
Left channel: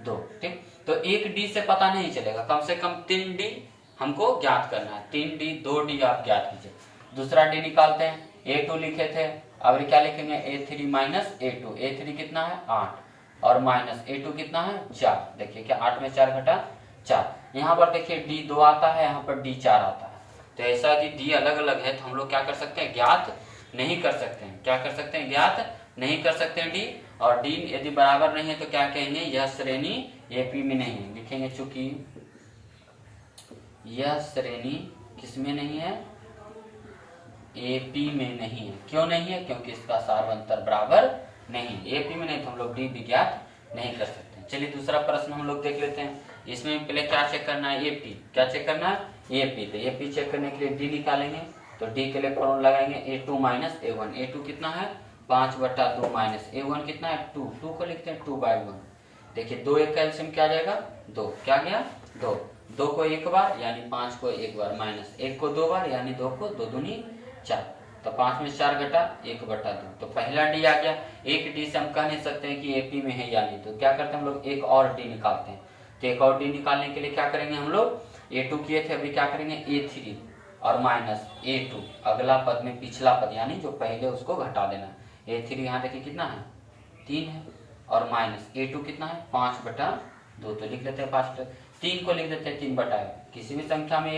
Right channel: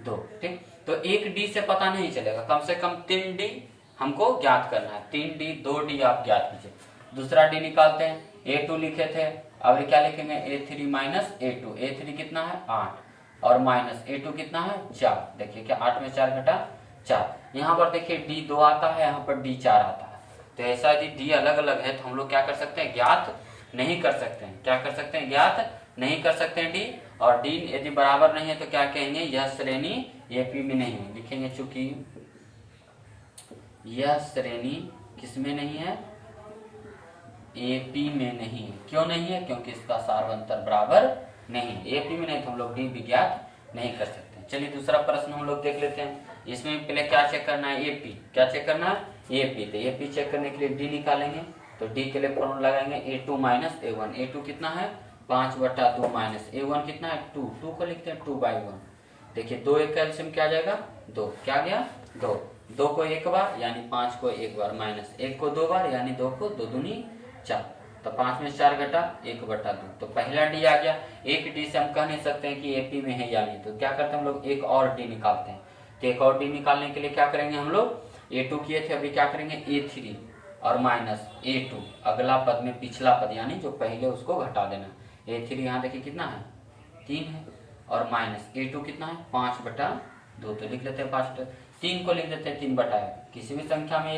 2। ठीक, तो एक डी से पता नहीं चलेगा, कम से कम 3 डी हमको ज्ञात करना है। 3 डी 2 डी आप ज्ञात कीजिए। दूसरा डी निकालते हैं, A2 लिखे थे, अब क्या लिखेंगे A3 माइनस A2। A3 कितना है 8 और माइनस A2 कितना है 4। देखिए क्या 8 में 4 घटा 4। यहाँ पर देखिए डी 2 आता है, यहाँ पर डी 4 आता है। तो ऐसा यदि डी अलग अलग है तो हम लोग क्या कर सकते हैं ज्ञात नहीं कर सकते हैं। क्या कर सकते हैं ज्ञात नहीं कर सकते हैं डी। और डी यदि बराबर नहीं है तो क्या कहेंगे यह श्रेणी एपी में नहीं है। लिखेंगे चूंकि यह श्रेणी किसमें नहीं है एपी में नहीं है। क्यों नहीं है, क्योंकि इसका सार्वंतर बराबर नहीं। एपी में नहीं तो हम लोग डी भी ज्ञात नहीं कर सकते। चलिए दूसरा प्रश्न हम लोग देख लेते हैं। इसमें पहले क्या चेक करना है एपी, क्या चेक करना है एपी। तो एपी चेक करने के लिए डी निकालेंगे, तो डी के लिए फॉर्मूला लगाएंगे A2 माइनस A1। A2 कितना है 5/2 माइनस A1 कितना है 2, 2 को लिखते हैं 2/1। देखिए 2 एक कैल्शियम क्या जाएगा 2, क्या गया 2, 2 को एक बार यानी 5 को एक बार, माइनस 1 को 2 बार यानी 2 को 2 दूनी 4। तो 5 में 4 घटा 1/2, तो पहला डी आ गया। एक डी से हम कह नहीं सकते हैं कि एपी में है या नहीं, तो क्या करते हैं हम लोग एक और डी निकालते हैं। तो एक और डी निकालने के लिए क्या करेंगे हम लोग A2 किए थे, अभी क्या करेंगे A3 और माइनस A2, अगला पद में पिछला पद यानी जो पहले उसको घटा देना। A3 यहाँ देखिए कितना है 3 है, और माइनस A2 कितना है 5/2, तो लिख लेते हैं 5। 3 को लिख देते हैं 3/1। किसी भी संख्या में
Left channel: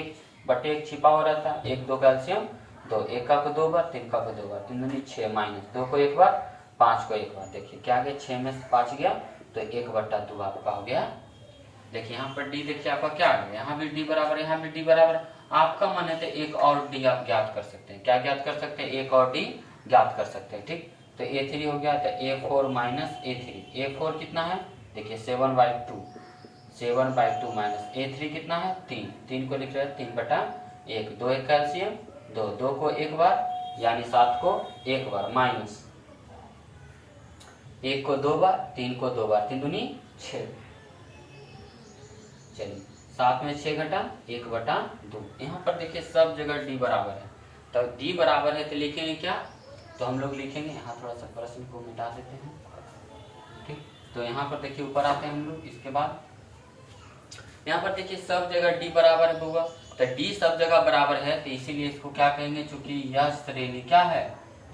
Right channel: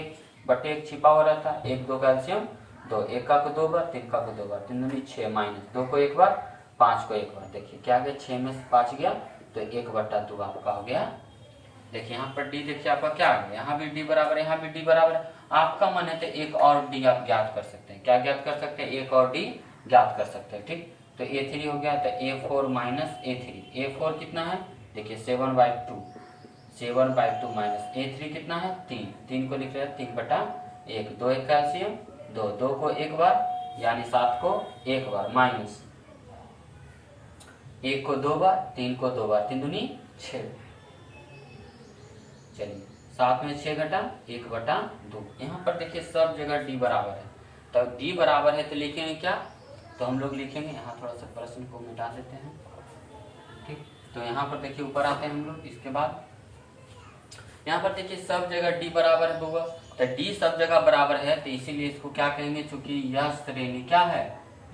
1/1 छिपा हुआ रहता है। 1 2 कैल्शियम 2, 1 का को 2 बार, 3 का को 2 बार, 3 दूनी 6, माइनस 2 को एक बार 5 को एक बार। देखिए क्या गया 6 में 5 गया तो 1/2 आपका हो गया। देखिए यहाँ पर डी देखिए आपका क्या है, यहाँ भी डी बराबर है, यहाँ भी डी बराबर है। आपका मन है तो एक और डी आप ज्ञात कर सकते हैं। क्या ज्ञात कर सकते हैं एक और डी ज्ञात कर सकते हैं। ठीक, तो A3 हो गया तो A4 माइनस A3। A4 कितना है देखिए 7/2, 7/2 माइनस A3 कितना है 3, 3 को लिख रहे हैं 3/1। 2 एक कैल्शियम 2, 2 को एक बार यानी 7 को एक बार, माइनस 1 को 2 बार, 3 को 2 बार, 3 दूनी 6। चलिए 7 में 6 घटा 1/2। यहाँ पर देखिए सब जगह डी बराबर है, तो डी बराबर है तो लिखेंगे क्या, तो हम लोग लिखेंगे यहाँ थोड़ा सा प्रश्न को मिटा देते हैं। तो यहाँ पर देखिए ऊपर आते हैं हम लोग। इसके बाद यहाँ पर देखिए सब जगह डी बराबर होगा, तो डी सब जगह बराबर है, तो इसीलिए इसको क्या कहेंगे, चूंकि यह श्रेणी क्या है,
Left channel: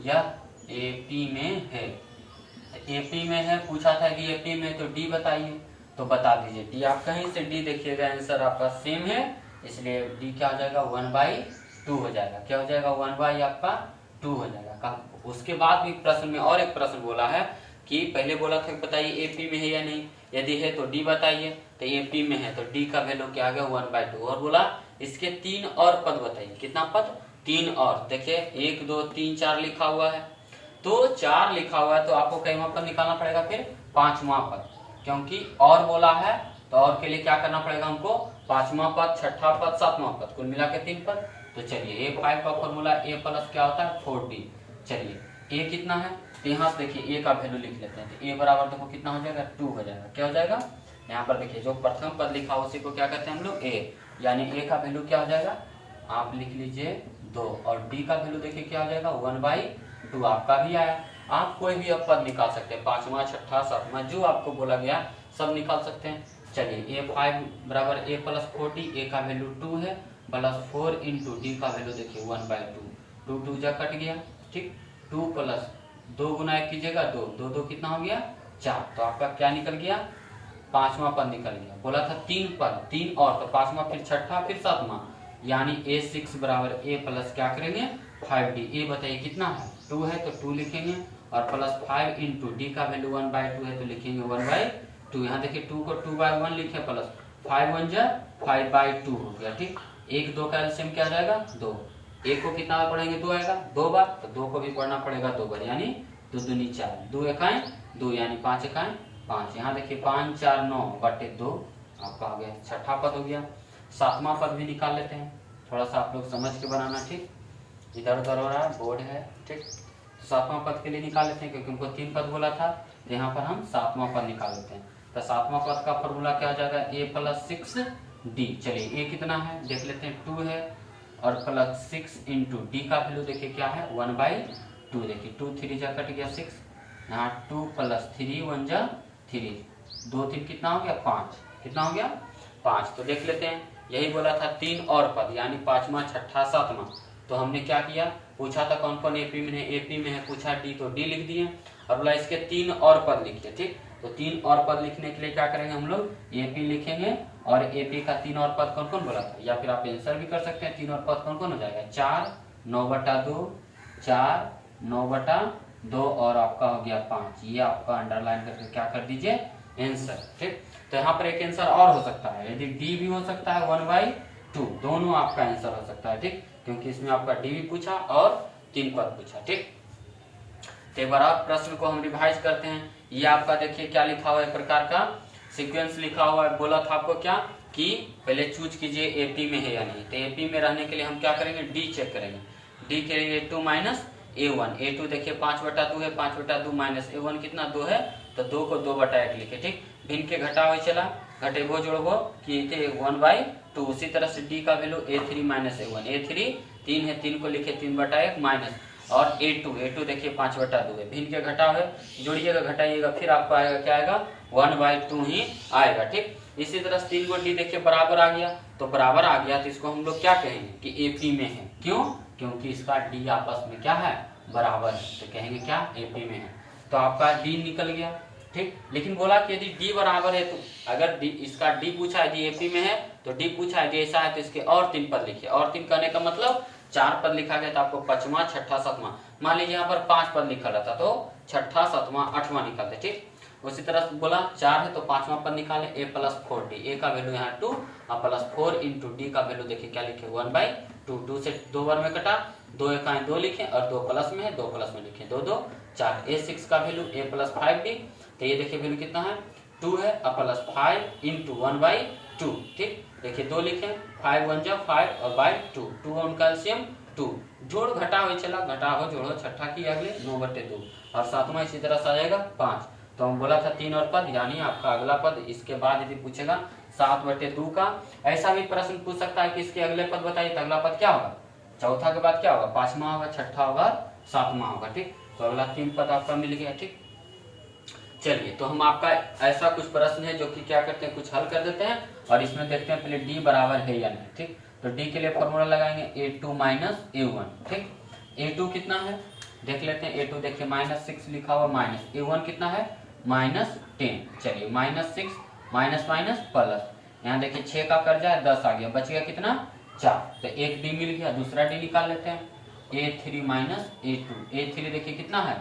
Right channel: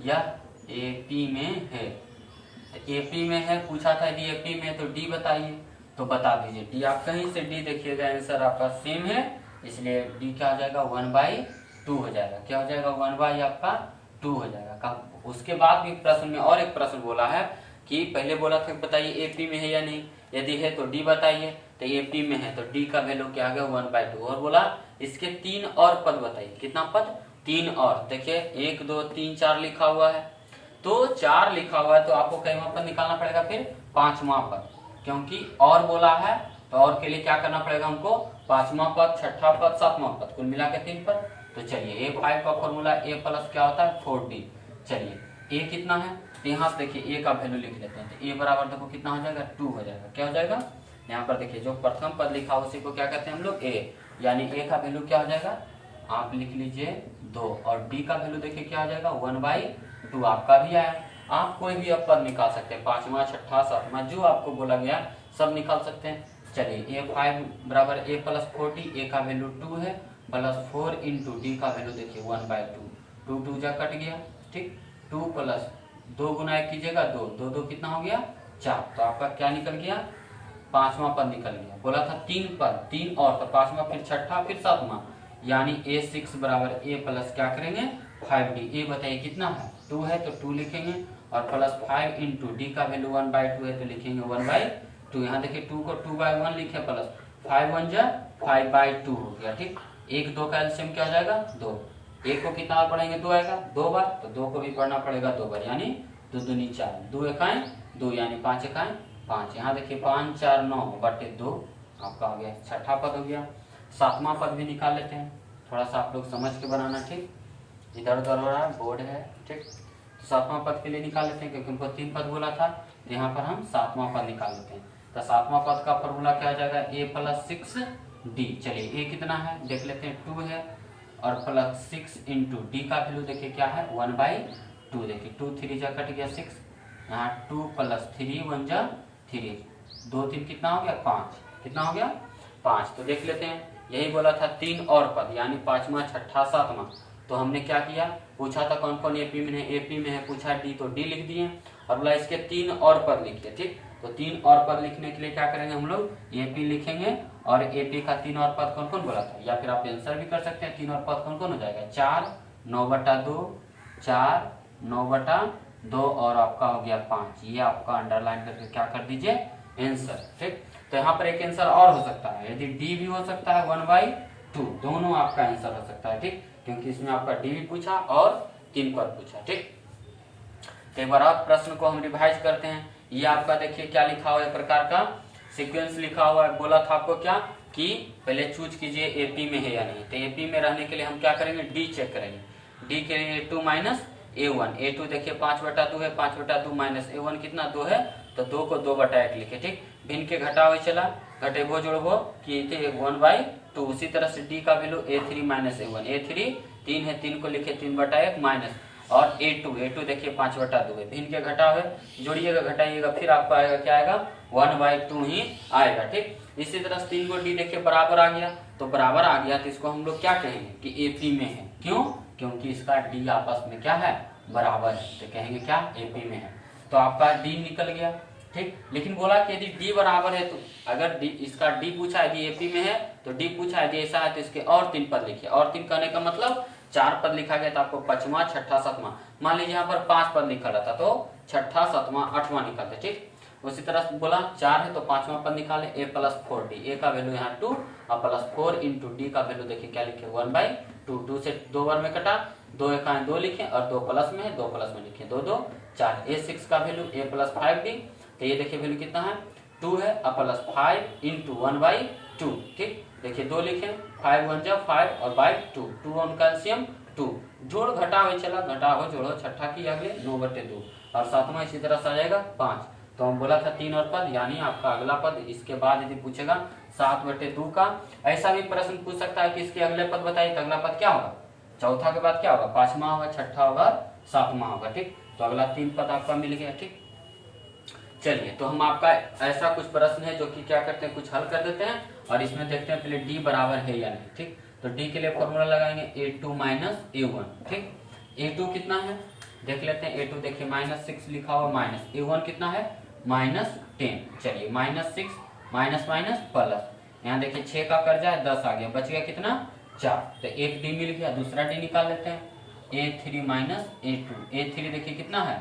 यह एपी में है। एपी में है, पूछा था यदि एपी में तो डी बताइए, तो बता दीजिए डी। आप कहीं से डी देखिएगा आंसर आपका सेम है, इसलिए डी क्या हो जाएगा 1/2 हो जाएगा। क्या हो जाएगा 1/2 आपका 2 हो जाएगा। उसके बाद भी प्रश्न में और एक प्रश्न बोला है कि पहले बोला था बताइए एपी में है या नहीं, यदि है तो डी बताइए, तो एपी में है तो डी का वैल्यू क्या आ गया 1/2। और बोला इसके 3 और पद बताइए, कितना पद, 3 और। देखिए 1 2 3 4 लिखा हुआ है, तो 4 लिखा हुआ है तो आपको कईवां पद निकालना पड़ेगा, फिर 5वां पद, क्योंकि और बोला है तो और के लिए क्या करना पड़ेगा हमको, 5वां पद, 6ठा पद, 7वां पद, कुल मिला के 3 पद। तो चलिए A5 का फॉर्मूला A प्लस क्या होता है 4D। चलिए A कितना है, तो यहाँ से देखिए A का वैल्यू लिख लेते हैं, तो A बराबर देखो कितना हो जाएगा 2 हो जाएगा। क्या हो जाएगा, यहाँ पर देखिए जो प्रथम पद लिखा उसी को क्या कहते हैं हम लोग A, यानी A का वैल्यू क्या हो जाएगा, आप लिख लीजिए 2, और D का वैल्यू देखिए क्या हो जाएगा 1/2 आपका भी आया। आप कोई भी अब पद निकाल सकते हैं, 5वां 6ठा 7वां जो आपको बोला गया सब निकाल सकते हैं। चलिए A5 बराबर A प्लस 4D, A का वैल्यू 2 है, प्लस 4 इंटू डी का वैल्यू देखिए 1/2, 2 2 जा कट गया, ठीक। 2 प्लस 2 गुना 1 कीजिएगा 2, 2 2 कितना हो गया 4, तो आपका क्या निकल गया 5वां पद निकल गया। बोला था 3 पद, 3 और, तो 5वां फिर 6ठा फिर 7वां, यानी A6 बराबर A प्लस क्या करेंगे 5D। A बताइए कितना है 2 है, तो 2 लिखेंगे, और प्लस 5 इंटू डी का वैल्यू 1/2 है तो लिखेंगे 1/2। यहाँ देखिए 2 को 2/1 लिखे, प्लस 5 1 जा 5/2 हो गया, ठीक। 1 2 का एलसीएम क्या आ जाएगा 2, 1 को कितना बार पढ़ेंगे 2 आएगा 2 बार, तो 2 को भी पढ़ना पड़ेगा 2 बार, यानी 2 दूनी 4, 2 एकाएं 2, यानी 5 एकाएं 5। यहाँ देखिए 5 4 9/2 आपका हो गया, 6ठा पद हो गया। 7वां पद भी निकाल लेते हैं, थोड़ा सा आप लोग समझ के बनाना, ठीक, इधर उधर हो रहा है बोर्ड है, ठीक। तो 7वां पद के लिए निकाल लेते हैं, क्योंकि उनको 3 पद बोला था, तो यहाँ पर हम 7वां पद निकाल लेते हैं। तो 7वां पद का फॉर्मूला क्या हो जाएगा A प्लस 6D। चलिए A कितना है देख लेते हैं 2 है, और प्लस 6 इंटू डी का वैल्यू देखिए क्या है 1/2। देखिए 2 3 जा कट गया 6, यहाँ 2 प्लस 3 1 जा 3, 2 3 कितना हो गया 5, कितना हो गया 5। तो देख लेते हैं, यही बोला था 3 और पद, यानी 5वां 6ठा 7वां। तो हमने क्या किया, पूछा था कौन कौन एपी में है, एपी में है, पूछा डी तो डी लिख दिए, और बोला इसके 3 और पद लिखिए, ठीक। तो 3 और पद लिखने के लिए क्या करेंगे हम लोग एपी लिखेंगे, और एपी का 3 और पद कौन कौन बोला था, या फिर आप आंसर भी कर सकते हैं। 3 और पद कौन कौन हो जाएगा 4 9/2, 4 9/2, और आपका हो गया 5। ये आपका अंडरलाइन करके क्या कर दीजिए आंसर, ठीक। तो यहाँ पर एक आंसर और हो सकता है, यदि डी भी हो सकता है 1/2, दोनों आपका आंसर हो सकता है, ठीक, क्योंकि इसमें आपका डी भी पूछा और 3 पद पूछा, ठीक। तो एक बार आप प्रश्न को हम रिवाइज करते हैं। ये आपका देखिए क्या लिखा हुआ है, एक प्रकार का सीक्वेंस लिखा हुआ है। बोला था आपको क्या कि पहले चूज कीजिए एपी में है या नहीं, तो एपी में रहने के लिए हम क्या करेंगे डी चेक करेंगे। डी के लिए A2 माइनस A1, A2 देखिए 5/2 है, 5/2 माइनस A1 कितना 2 है, तो 2 को 2/1 लिखे, ठीक। भिन्न के घटा हुए चला, घटेबो जोड़बो कि 1/2। उसी तरह से डी का value A3 minus A1, A3 3 है, 3 को लिखे 3/1 माइनस, और A2 देखिए 5/2 है, भिन्न के घटा हुए जोड़िएगा घटाइएगा, फिर आपको आएगा क्या आएगा 1/2 ही आएगा, ठीक। इसी तरह 3 को डी देखिए बराबर आ गया, तो बराबर आ गया तो इसको हम लोग क्या कहेंगे कि एपी में है, क्यों, क्योंकि इसका डी आपस में क्या है बराबर है, तो कहेंगे क्या एपी में है। तो आपका डी निकल गया, ठीक। लेकिन बोला कि यदि डी बराबर है, तो अगर डी इसका डी पूछा है यदि एपी में है, तो डी पूछा है यदि ऐसा है तो इसके और 3 पद लिखिए। और 3 करने का मतलब 4 पद लिखा गया, तो आपको 5वां 6ठा 7वां, मान लीजिए यहाँ पर 5 पद लिखा रहता तो 6ठा 7वां 8वां निकालते, ठीक। उसी तरह बोला 4 है तो 5वां पद निकाले A प्लस 4D, A का वैल्यू यहाँ 2 और प्लस 4 इंटू डी का वैल्यू देखिए क्या लिखे 1/2, 2 से 2 बार में कटा, 2 एकाएं 2 लिखे, और 2 प्लस में है 2 प्लस में लिखे 2 2 4। A6 का वैल्यू A प्लस 5D, तो ये देखिए वैल्यू कितना है 2 है, और प्लस 5 इंटू 1/2, ठीक। देखिए 2 लिखे, 5 1 जा 5 और बाई 2, 2 ऑन कैल्शियम 2, जोड़ घटा हुए चला, घटा हो जोड़ो 6ठा की अगले 9/2, और 7वां इसी तरह से आ जाएगा 5। तो हम बोला था 3 और पद, यानी आपका अगला पद इसके बाद यदि पूछेगा 7/2 का, ऐसा भी प्रश्न पूछ सकता है कि इसके अगले पद बताइए, तो अगला पद क्या होगा, चौथा के बाद क्या होगा 5वां होगा, 6ठा होगा, 7वां होगा, ठीक। तो अगला 3 पद आपका मिल गया, ठीक। चलिए, तो हम आपका ऐसा कुछ प्रश्न है जो कि क्या करते हैं, कुछ हल कर देते हैं और इसमें देखते हैं पहले डी बराबर है या नहीं। ठीक, तो डी के लिए फॉर्मूला लगाएंगे a2 माइनस a1। ठीक, a2 कितना है देख लेते हैं, a2 देखिए -6 लिखा हुआ, माइनस a1 कितना है -10। चलिए -6 माइनस माइनस प्लस, यहाँ देखिए 6 का कर्जा है 10 आ गया, बच गया कितना 4, तो एक डी मिल गया, दूसरा डी निकाल लेते हैं a3 माइनस a2। a3 देखिए कितना है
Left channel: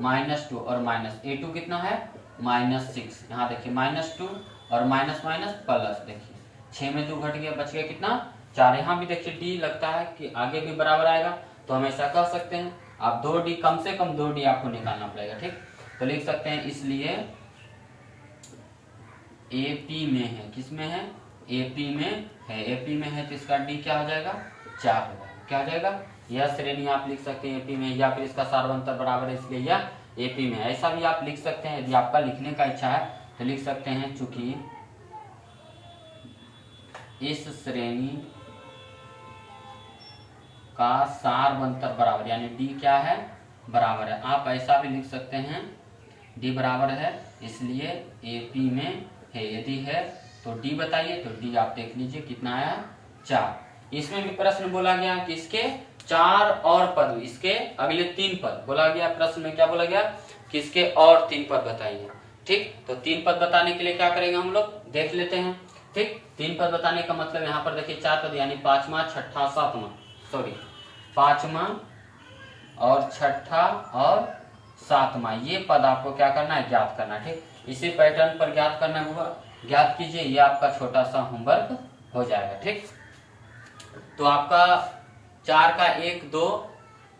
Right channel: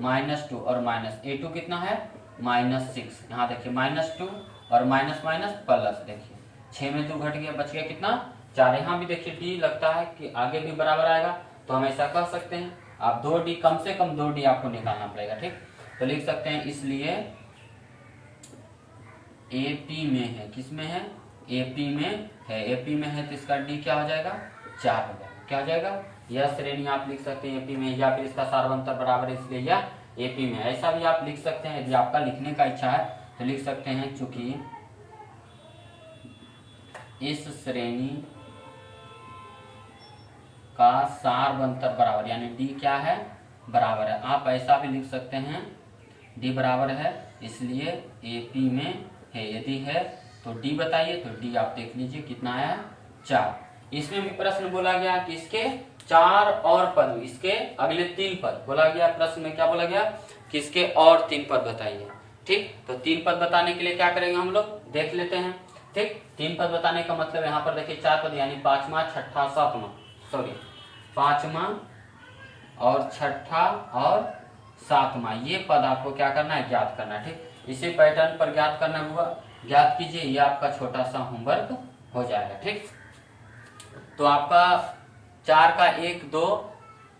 -2 और माइनस a2 कितना है -6, यहाँ देखिए -2 और माइनस माइनस प्लस, देखिए 6 में 2 घट गया, बच गया कितना 4। यहाँ भी देखिए डी लगता है कि आगे भी बराबर आएगा, तो हम ऐसा कह सकते हैं आप 2 डी कम से कम 2 डी आपको निकालना पड़ेगा। ठीक, तो लिख सकते हैं इसलिए AP में है, किस में है AP में है, AP में है तो इसका डी क्या हो जाएगा 4 हो जाएगा, क्या हो जाएगा यह श्रेणी आप लिख सकते हैं AP में, या फिर इसका सार्वंतर बराबर है इसलिए यह AP में, ऐसा भी आप लिख सकते हैं। यदि आपका लिखने का इच्छा है तो लिख सकते हैं चूंकि इस श्रेणी का सार्वंतर बराबर, यानी डी क्या है बराबर है, आप ऐसा भी लिख सकते हैं डी बराबर है इसलिए AP में है, यदि है तो डी बताइए, तो डी आप देख लीजिए कितना आया 4। इसमें भी प्रश्न बोला गया कि इसके 4 और पद, इसके अगले 3 पद बोला गया, प्रश्न में क्या बोला गया कि इसके और 3 पद बताइए। ठीक, तो 3 पद बताने के लिए क्या करेंगे हम लोग देख लेते हैं। ठीक, 3 पद बताने का मतलब यहाँ पर देखिए 4 पद यानी 5वां 6ठा 7वां, सॉरी 5वां और 6ठा और 7वां, ये पद आपको क्या करना है ज्ञात करना है। ठीक, इसी पैटर्न पर ज्ञात करना होगा, ज्ञात कीजिए, ये आपका छोटा सा होमवर्क हो जाएगा। ठीक, तो आपका 4 का 1 2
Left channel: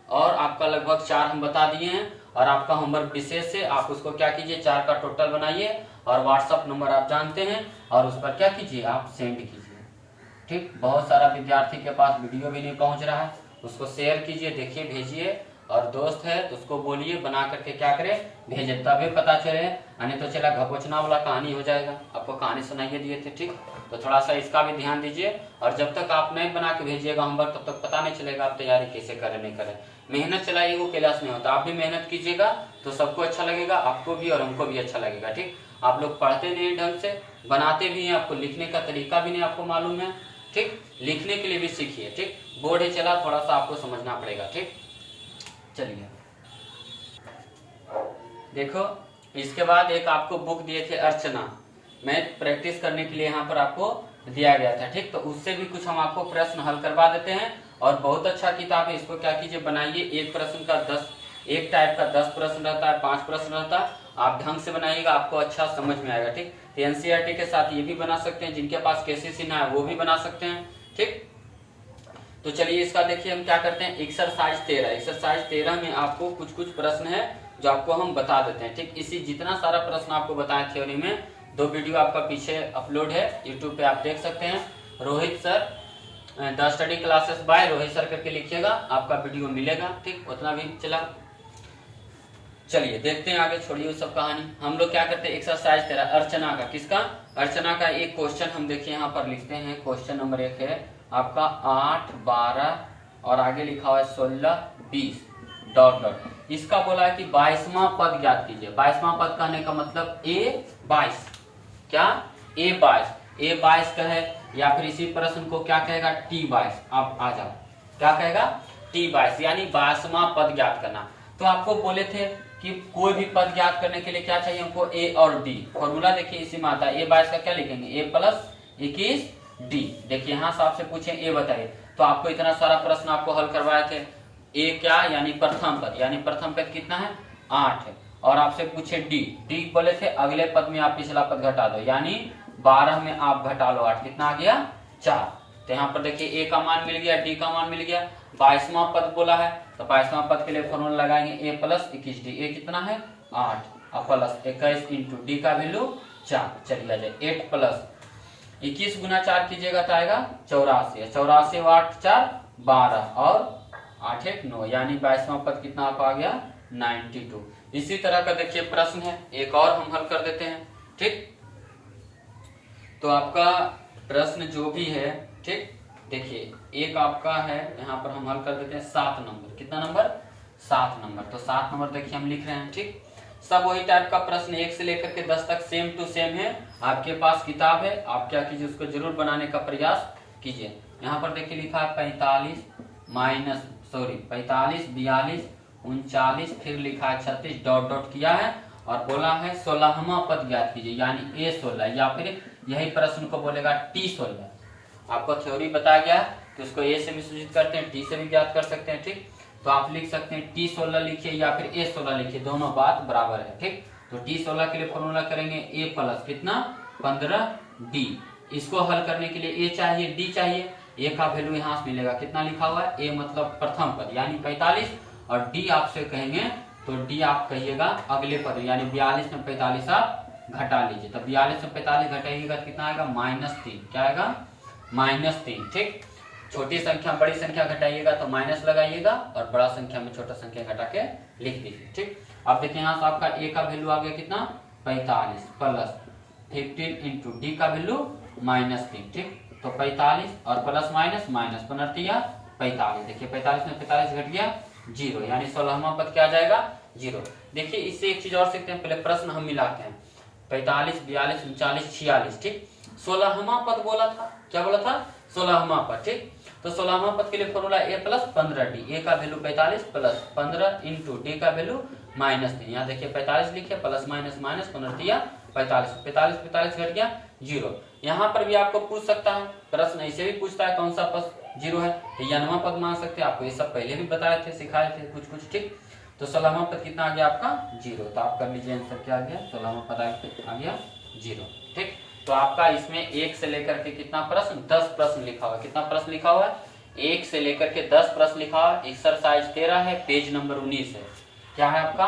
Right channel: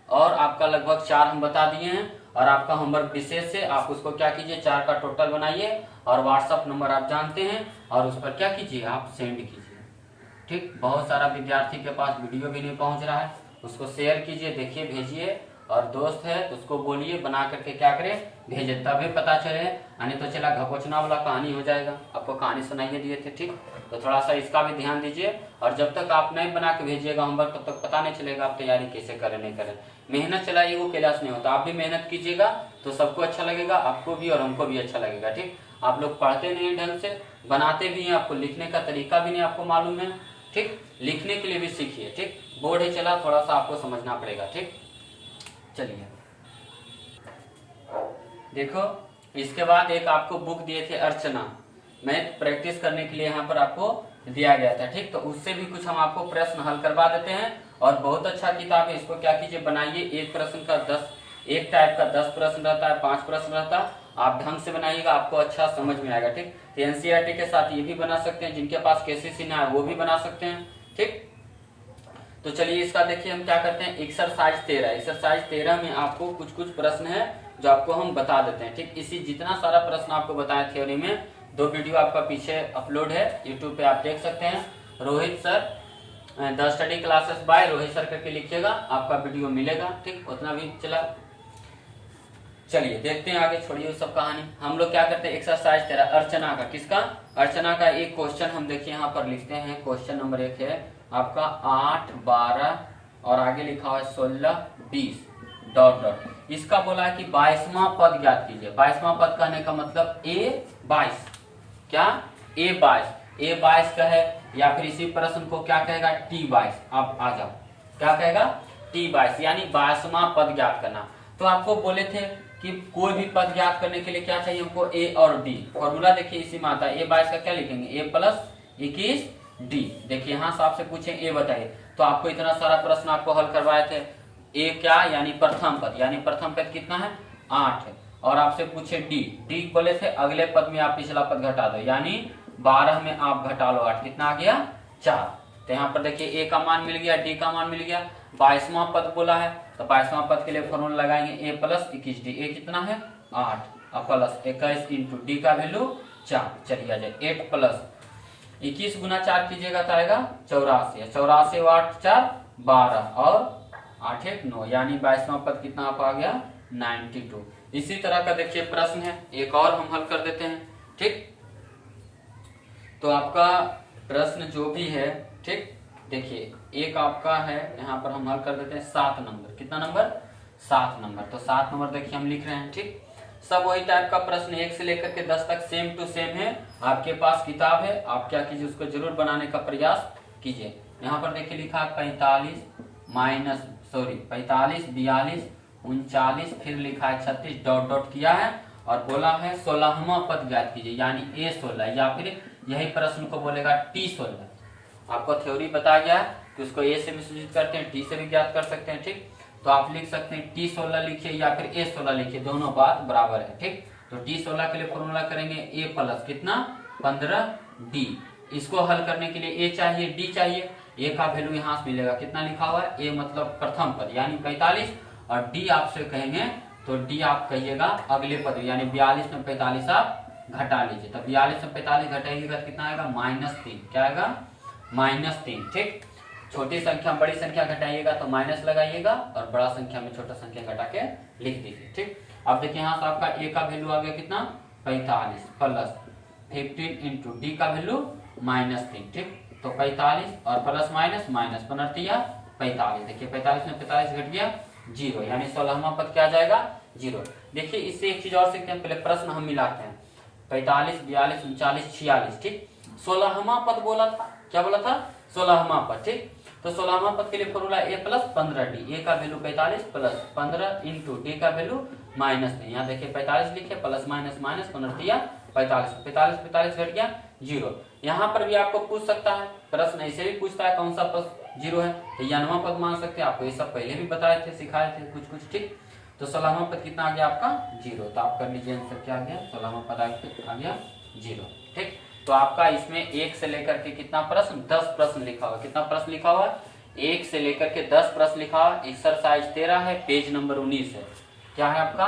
और आपका लगभग 4 हम बता दिए हैं, और आपका होमवर्क विशेष से आप उसको क्या कीजिए 4 का टोटल बनाइए और व्हाट्सएप नंबर आप जानते हैं और उस पर क्या कीजिए आप सेंड कीजिए। ठीक, बहुत सारा विद्यार्थी के पास वीडियो भी नहीं पहुंच रहा है, उसको शेयर कीजिए, देखिए भेजिए, और दोस्त है तो उसको बोलिए बना करके क्या करे भेजे, तभी पता चले, नहीं तो चला घपोचना वाला कहानी हो जाएगा। आपको कहानी सुनाइए दिए थे। ठीक, तो थोड़ा सा इसका भी ध्यान दीजिए, और जब तक आप नहीं बना के भेजिएगा होमवर्क तब तक पता नहीं चलेगा आप तैयारी कैसे करें नहीं करें। मेहनत चलाइए, वो क्लास नहीं होता, आप भी मेहनत कीजिएगा तो सबको अच्छा लगेगा, आपको भी और हमको भी अच्छा लगेगा। ठीक, आप लोग पढ़ते नहीं ढंग से, बनाते भी हैं, आपको लिखने का तरीका भी नहीं आपको मालूम है। ठीक, लिखने के लिए भी सीखिए। ठीक, बोर्ड ही चला, थोड़ा सा आपको समझना पड़ेगा। ठीक, चलिए देखो, इसके बाद एक आपको बुक दिए थे अर्चना, मैथ प्रैक्टिस करने के लिए यहाँ पर आपको दिया गया था। ठीक, तो उससे भी कुछ हम आपको प्रश्न हल करवा देते हैं, और बहुत अच्छा किताब है, इसको क्या कीजिए बनाइए, एक प्रश्न का 10, एक टाइप का 10 प्रश्न रहता है, 5 प्रश्न रहता है, आप ढंग से बनाइएगा आपको अच्छा समझ में आएगा। ठीक, तो NCERT के साथ ये भी बना सकते हैं, जिनके पास KCC ना है वो भी बना सकते हैं। ठीक, तो चलिए इसका देखिए हम क्या करते हैं, एक्सरसाइज 13 में आपको कुछ कुछ प्रश्न है जो आपको हम बता देते हैं। ठीक, इसी जितना सारा प्रश्न आपको बताएं थ्योरी में, 2 वीडियो आपका पीछे अपलोड है यूट्यूब पे, आप देख सकते हैं। Rohit sir the study classes bye Rohit sir करके लिखिएगा, आपका वीडियो मिलेगा। ठीक, उतना भी चला। चलिए देखते हैं आगे, छोड़िए सब कहानी। हम लोग क्या करते हैं, एक्सरसाइज 13 अर्चना का, किसका अर्चना का एक क्वेश्चन हम देखिए यहाँ पर लिखते हैं। क्वेश्चन नंबर 1 है आपका 8 12 और आगे लिखा हुआ है 16 20 डॉट डॉट। इसका बोला है कि 22वां पद ज्ञात कीजिए। 22वां पद कहने का मतलब A22, क्या A22 का है, या फिर इसी प्रश्न को क्या कहेगा T22। आप आ जाओ, क्या कहेगा T22, यानी 22वां पद ज्ञात करना। तो आपको बोले थे कि कोई भी पद ज्ञात करने के लिए क्या चाहिए हमको, A और D। फॉर्मूला देखिए इसी में आता है, A22 का क्या लिखेंगे, A प्लस 21 D। देखिए यहाँ से आपसे पूछे A बताइए, तो आपको इतना सारा प्रश्न आपको हल करवाए थे। A क्या, यानी प्रथम पद, यानी प्रथम पद कितना है 8 है, और आपसे पूछे D बोले थे अगले पद में आप पिछला पद घटा दो, यानी 12 में आप घटा लो 8, कितना आ गया 4। तो यहाँ पर देखिए A का मान मिल गया, D का मान मिल गया, 22वां पद बोला है, तो 22वां पद के लिए फॉर्मूला लगाएंगे A प्लस 21D। A कितना है 8 और प्लस 21 इंटू D का वैल्यू 4। चलिए आ जाए 8 प्लस 21 गुना 4 कीजिएगा तो आएगा 84, 84 8 4 12 और 8 1 9, यानी 22वां पद कितना आप आ गया 92। इसी तरह का देखिए प्रश्न है एक और हम हल कर देते हैं। ठीक, तो आपका प्रश्न जो भी है, ठीक देखिए एक आपका है यहाँ पर हम हल कर देते हैं 7 नंबर, कितना नंबर 7 नंबर। तो 7 नंबर देखिए हम लिख रहे हैं। ठीक, सब वही टाइप का प्रश्न 1 से लेकर के 10 तक सेम टू सेम है। आपके पास किताब है, आप क्या कीजिए उसको जरूर बनाने का प्रयास कीजिए। यहाँ पर देखिए लिखा है 45 42 39 फिर लिखा है 36 डॉट डॉट किया है और बोला है 16वां पद ज्ञात कीजिए यानी A16 या फिर यही प्रश्न को बोलेगा T16। आपको थ्योरी बताया गया है तो उसको A से भी सूचित करते हैं, T से भी ज्ञात कर सकते हैं। ठीक, तो आप लिख सकते हैं T16 लिखिए या फिर A16 लिखिए, दोनों बात बराबर है। ठीक, तो T16 के लिए फॉर्मूला करेंगे A प्लस कितना 15D। इसको हल करने के लिए A चाहिए D चाहिए। A का वैल्यू यहाँ से मिलेगा, कितना लिखा हुआ है A मतलब प्रथम पद यानी 45 और D आपसे कहेंगे तो D आप कहिएगा अगले पद यानी 42 में 45 आप घटा लीजिए। तो 42 में 45 घटाइएगा कितना आएगा -3। क्या आएगा -3। ठीक, छोटी संख्या बड़ी संख्या घटाइएगा तो माइनस लगाइएगा और बड़ा संख्या में छोटा संख्या घटा के लिख दीजिए। ठीक, अब देखिए यहाँ से आपका A का वैल्यू आ गया कितना 45 प्लस 15 इंटू D का वैल्यू -3। ठीक, तो 45 और प्लस माइनस माइनस 45। देखिए 45 में 45 घट गया 0 यानी 16वां पद क्या आ जाएगा 0। देखिए इससे एक चीज और सीखते हैं, पहले प्रश्न हम मिलाते हैं 45 42 39 46। ठीक, 16वां पद बोला था, क्या बोला था 16वां पद। ठीक, तो 16वां पद के लिए formula A plus 15D। A का वैल्यू 45 प्लस 15 इंटू D का वैल्यू -3। यहाँ देखिए 45 लिखे प्लस माइनस माइनस 45 45 घट गया 0। यहाँ पर भी आपको पूछ सकता है प्रश्न, ऐसे भी पूछता है कौन सा पद 0 है, यानवा पद मांग सकते हैं। आपको ये सब पहले भी बताए थे, सिखाए थे कुछ। ठीक, तो 16वां पद कितना आ गया आपका 0। तो आप कर लीजिए आंसर क्या आ गया 16वां पद आ गया 0। ठीक, तो आपका इसमें 1 से लेकर के कितना प्रश्न 10 प्रश्न लिखा हुआ है। कितना प्रश्न लिखा हुआ है 1 से लेकर के 10 प्रश्न लिखा हुआ है। एक्सरसाइज 13 है, पेज नंबर 19 है। क्या है आपका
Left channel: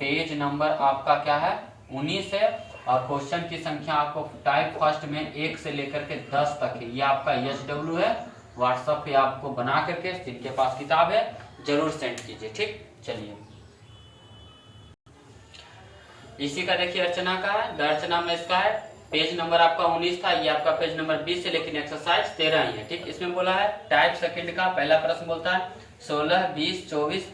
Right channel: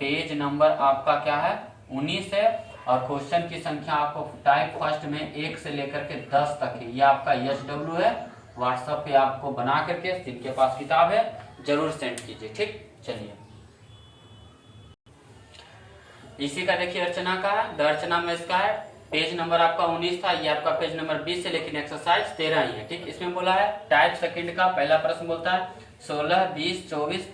पेज नंबर आपका क्या है 19 है और क्वेश्चन की संख्या आपको टाइप फर्स्ट में 1 से लेकर के 10 तक है। ये आपका SW है, व्हाट्सएप पे आपको बना करके जिनके पास किताब है जरूर सेंड कीजिए। ठीक, चलिए इसी का देखिए अर्चना का है, द अर्चना में इसका है पेज नंबर आपका 19 था, ये आपका पेज नंबर 20 है लेकिन एक्सरसाइज 13 ही है। ठीक, इसमें बोला है टाइप सेकंड का पहला प्रश्न बोलता है 16 20 24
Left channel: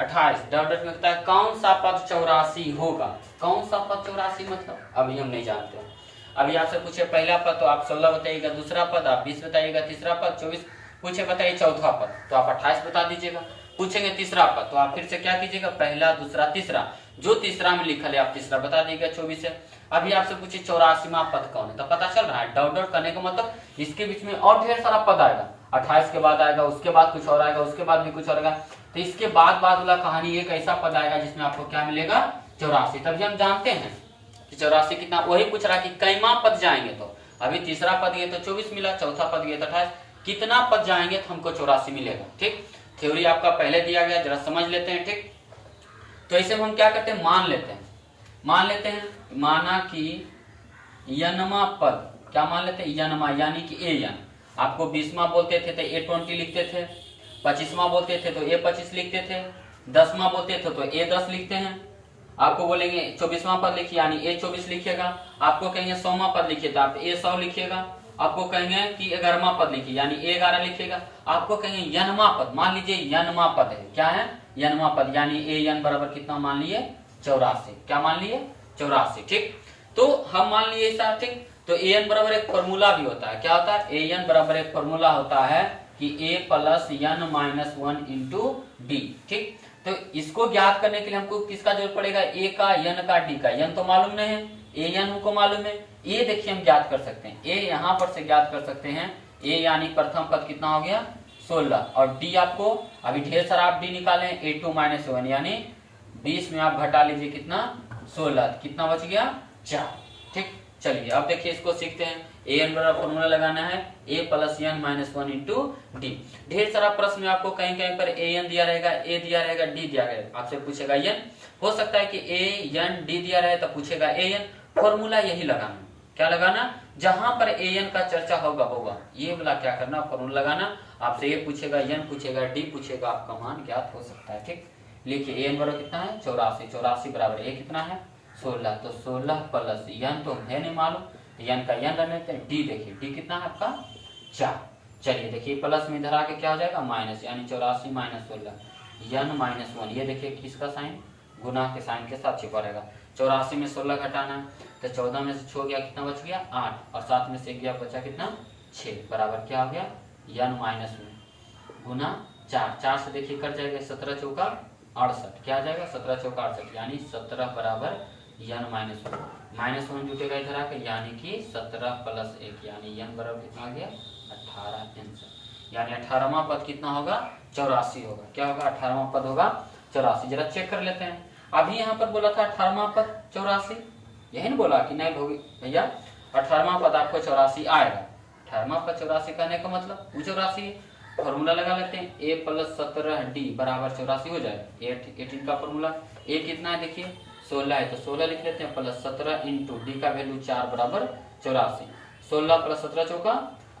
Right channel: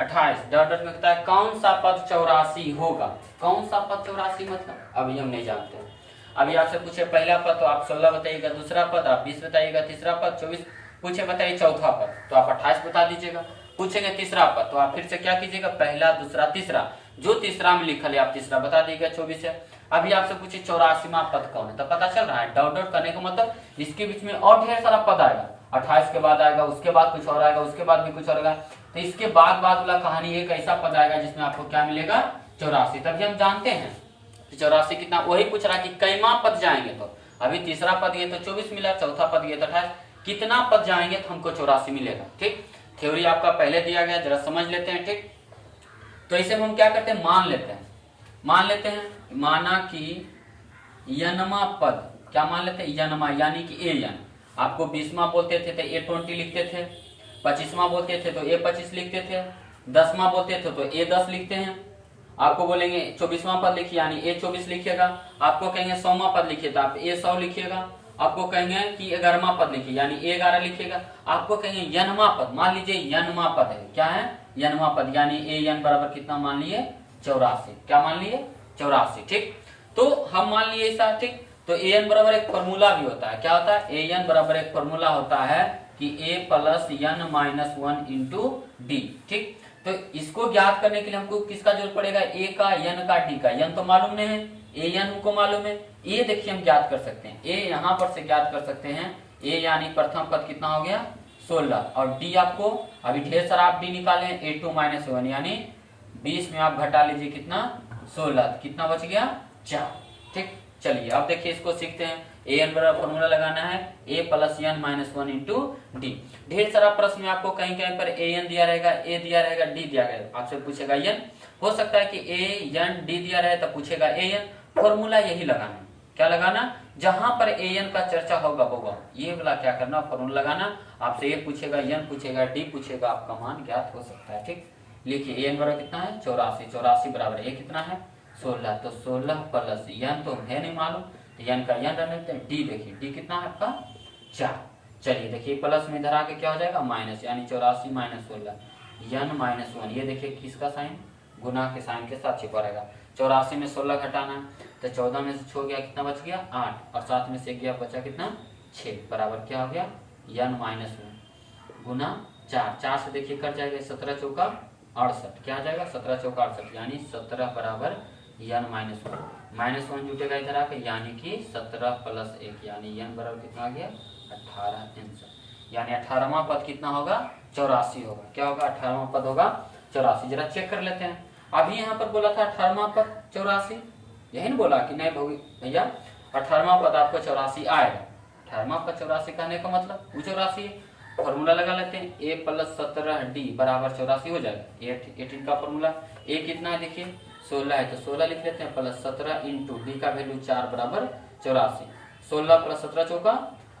28 डॉट डॉट में होता है कौन सा पद 84 होगा। कौन सा पद 84 मतलब अभी हम नहीं जानते हैं। अभी आपसे पूछे पहला पद तो आप 16 बताइएगा, दूसरा पद आप 20 बताइएगा, तीसरा पद 24 पूछे बताइए, चौथा पद तो आप 28 बता दीजिएगा। पूछेंगे तीसरा पद तो आप फिर से क्या कीजिएगा पहला दूसरा तीसरा, जो तीसरा में लिखल है आप तीसरा बता दीजिएगा 24 है। अभी आपसे पूछे 84वां पद कौन है तो पता चल रहा है। डॉट डॉट करने का मतलब इसके बीच में और ढेर सारा पद आएगा, 28 के बाद आएगा, उसके बाद कुछ और आएगा, उसके बाद भी कुछ और आएगा। तो इसके बाद वाला कहानी एक ऐसा पद आएगा जिसमें आपको क्या मिलेगा 84। तभी हम जानते हैं कि 84 कितना, वही पूछ रहा कि कैमा पद जाएंगे। तो अभी तीसरा पद ये तो 24 मिला, चौथा पद ये तो 28, कितना पद जाएंगे तो हमको 84 मिलेगा। ठीक, थ्योरी आपका पहले दिया गया, जरा समझ लेते हैं। ठीक, तो इसे हम क्या करते हैं मान लेते हैं माना कि यनमा पद, क्या मान लेते हैं यनमा यानी कि A आपको 20वां बोलते थे तो A20 लिखते थे, 25वां बोलते थे तो A25 लिखते थे, 10वां बोलते थे तो A10 लिखते हैं। आपको बोलेंगे 24वां पद लिखिए यानी A24 लिखिएगा, आपको कहेंगे 100वां पद लिखिए तो आप A100 लिखिएगा, आपको कहेंगे कि 11वां पद लिखिए यानी A11 लिखिएगा, आपको कहेंगे यनमा पद, मान लीजिए यनमा पद है, क्या है यनमा पद यानी AN बराबर कितना मान लिए 84। क्या मान लिए 84। ठीक, तो हम मान लिए ऐसा। ठीक, तो AN बराबर एक फॉर्मूला भी होता है, क्या होता है AN बराबर एक फॉर्मूला होता है कि A plus N minus 1 into D। ठीक, तो इसको ज्ञात करने के लिए हमको किसका जरूरत पड़ेगा A का N का D का। N तो मालूम नहीं है, AN हमको मालूम है, A देखिए हम ज्ञात कर सकते हैं, A यहाँ पर से ज्ञात कर सकते हैं। A यानी प्रथम पद कितना हो गया 16 और D आपको अभी ढेर सारा आप D निकाले A2 माइनस 1 यानी 20 में आप घटा लीजिए कितना 16, कितना बच गया 4। ठीक, चलिए अब देखिए इसको सीखते हैं। AN बराबर फॉर्मूला लगाना है A plus N minus 1 into D। ढेर सारा प्रश्न में आपको कहीं कहीं पर AN दिया रहेगा, A दिया रहेगा, D दिया रहेगा, आपसे पूछेगा N। हो सकता है कि AN D दिया रहे तो पूछेगा AN। फॉर्मूला यही लगाना, क्या लगाना जहां पर AN का चर्चा होगा ये वाला क्या करना फॉर्मूला लगाना। आपसे A पूछेगा N पूछेगा D पूछेगा, आपका मान ज्ञात हो सकता है। ठीक, लिखिए AN बराबर कितना है 84, 84 बराबर A कितना है 16, तो 16 प्लस N तो है नहीं मालूम तो N का N रख लेते हैं। D देखिए D कितना है आपका 4। चलिए देखिए प्लस में इधर आके क्या हो जाएगा माइनस यानी 84 माइनस 16 N माइनस 1, ये देखिए किसका साइन गुना के साइन के साथ छिपा रहेगा। 84 में 16 घटाना है, तो 14 में से 6 गया कितना बच गया 8, और 7 में से गया बचा कितना 6, बराबर क्या हो गया n माइनस में गुना 4। 4 से देखिए कट जाएगा, 17 चौका 68, क्या आ जाएगा 17 चौका 68, यानी 17 बराबर n माइनस 1, माइनस 1 जुटेगा इधर आके, यानी कि 17 प्लस 1, यानी n बराबर कितना आ गया 18 आंसर। यानी 18वां पद कितना होगा 84 होगा। क्या होगा 18वां पद होगा 84। जरा चेक कर लेते हैं। अभी यहाँ पर बोला था 18वां पद 84, यही नहीं बोला कि नहीं भैया 18वां पद आपको 84 आएगा। 18वां पद 84 कहने का मतलब वो 84 फॉर्मूला लगा लेते हैं, a प्लस 17d बराबर 84 हो जाएगा। 18 का फॉर्मूला a कितना है देखिए 16 है, तो 16 लिख लेते हैं, प्लस 17 इंटू डी का वैल्यू 4 बराबर 84। 16 प्लस 17 चौका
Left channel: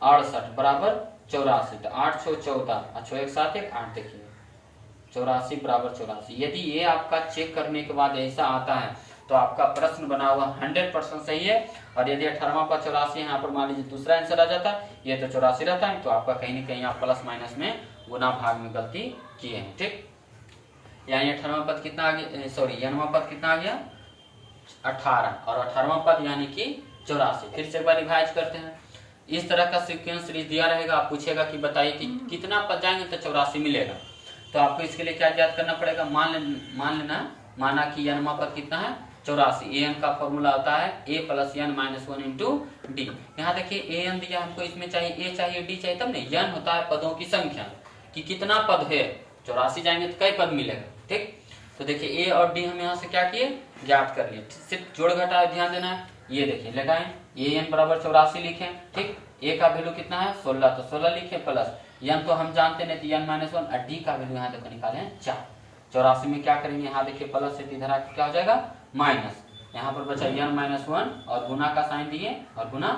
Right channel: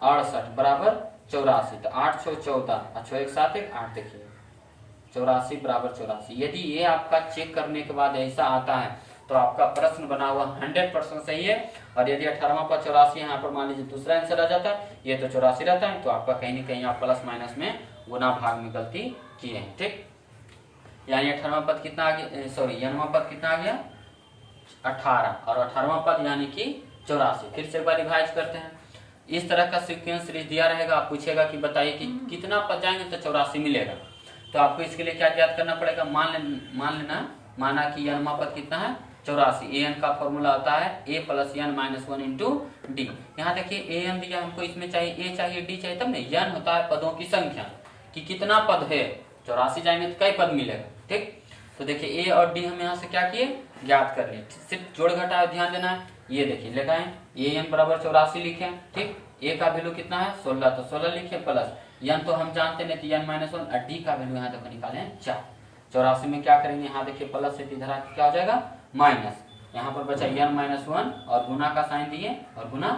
68 बराबर 84, तो 8 6 14 और 6 1 7 1 8, देखिए 84 बराबर 84। यदि ये आपका चेक करने के बाद ऐसा आता है तो आपका प्रश्न बना हुआ 100% सही है। और यदि 18वां पद 84 यहाँ पर मान लीजिए दूसरा आंसर आ जाता है, ये तो 84 रहता है, तो आपका कहीं न कहीं आप प्लस माइनस में गुना भाग में गलती किए हैं। ठीक, यानी 18वां पद कितना आ गया, सॉरी n वां पद कितना आ गया 18, और 18वां पद यानी कि 84। फिर से एक बार रिवाइज करते हैं। इस तरह का सीक्वेंस सीरीज दिया रहेगा, आप पूछेगा कि बताइए कि कितना पद जाएंगे तो 84 मिलेगा। तो आपको इसके लिए क्या याद करना पड़ेगा, मान लेना माना कि n पद कितना है 84, an का फॉर्मूला आता है a plus n minus 1 into D. यहाँ देखिए an दिया हमको, इसमें चाहिए a चाहिए d चाहिए, तब नहीं n होता है पदों की संख्या कि कितना पद है। 84 जाएंगे तो कई पद मिलेगा। ठीक, तो देखिए a और d हम यहाँ से क्या किए ज्ञात कर लिए, सिर्फ जोड़ घटाव ध्यान देना है। ये देखिए लगाएं an बराबर 84 लिखे। ठीक, a का वैल्यू कितना है 16, तो 16 लिखे, प्लस n तो हम जानते नहीं तो n माइनस 1, और d का वैल्यू यहाँ देखो निकाले हैं 4। 84 में क्या करेंगे, यहाँ देखिए प्लस से इधर आके क्या हो जाएगा माइनस, यहाँ पर बचा n माइनस 1 और गुना का साइन दिए और गुना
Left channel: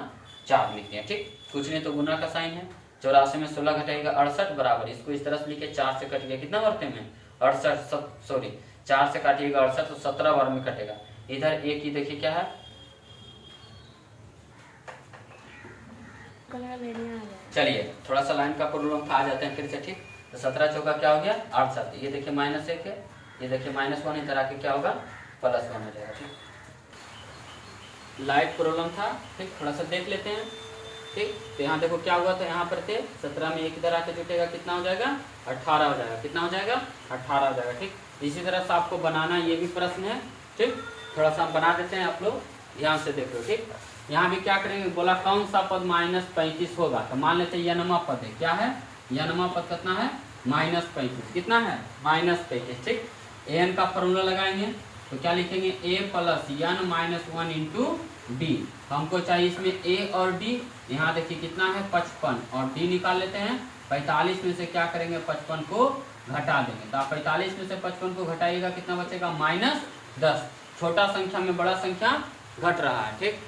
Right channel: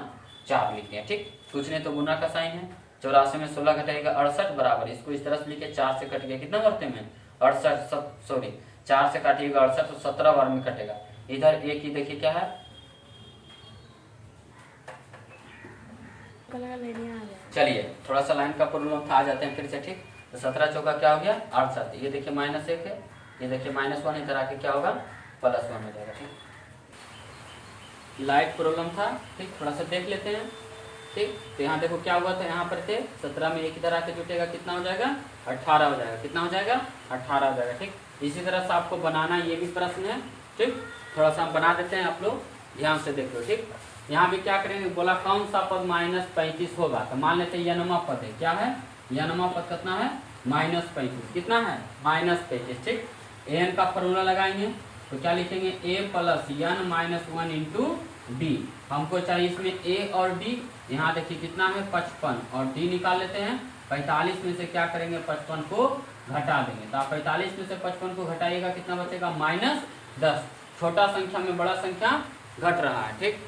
4 लिखते हैं। ठीक, कुछ नहीं तो गुना का साइन है। 84 में 16 घटाएगा 68 बराबर, इसको इस तरह से लिखे 4 से कट गया कितना वर्ते में 68, सॉरी 4 से काटिएगा 68 तो 17 बार में कटेगा। इधर एक ही देखिए क्या है, चलिए थोड़ा सा लाइन का प्रॉब्लम था, आ जाते हैं फिर से। ठीक, तो 17 चौका क्या हो गया 68, ये देखिए माइनस 1 है, ये देखिए माइनस 1, इधर आके क्या होगा प्लस 1 हो जाएगा। ठीक, लाइट प्रॉब्लम था। ठीक, थोड़ा सा देख लेते हैं। ठीक, तो यहाँ देखो क्या हुआ था, यहाँ पर थे 17 में एक इधर आके जुटेगा कितना हो जाएगा 18 हो जाएगा, कितना हो जाएगा 18 हो जाएगा। ठीक, इसी तरह से आपको बनाना ये भी प्रश्न है। ठीक, थोड़ा सा बना देते हैं, आप लोग ध्यान से देख लो। ठीक, यहाँ भी क्या करेंगे, बोला कौन सा पद -35 होगा, तो मान लेते हैं n पद है, क्या है n पद कितना है -35, कितना है -35। ठीक, an का फॉर्मूला लगाएंगे तो क्या लिखेंगे a plus n minus 1 into D. हमको चाहिए इसमें a और d, यहाँ देखिए कितना है 55, और d निकाल लेते हैं। 45 में से क्या करेंगे 55 को घटा देंगे, तो आप 45 में से 55 को घटाइएगा कितना बचेगा -10। छोटा संख्या में बड़ा संख्या घट रहा है। ठीक,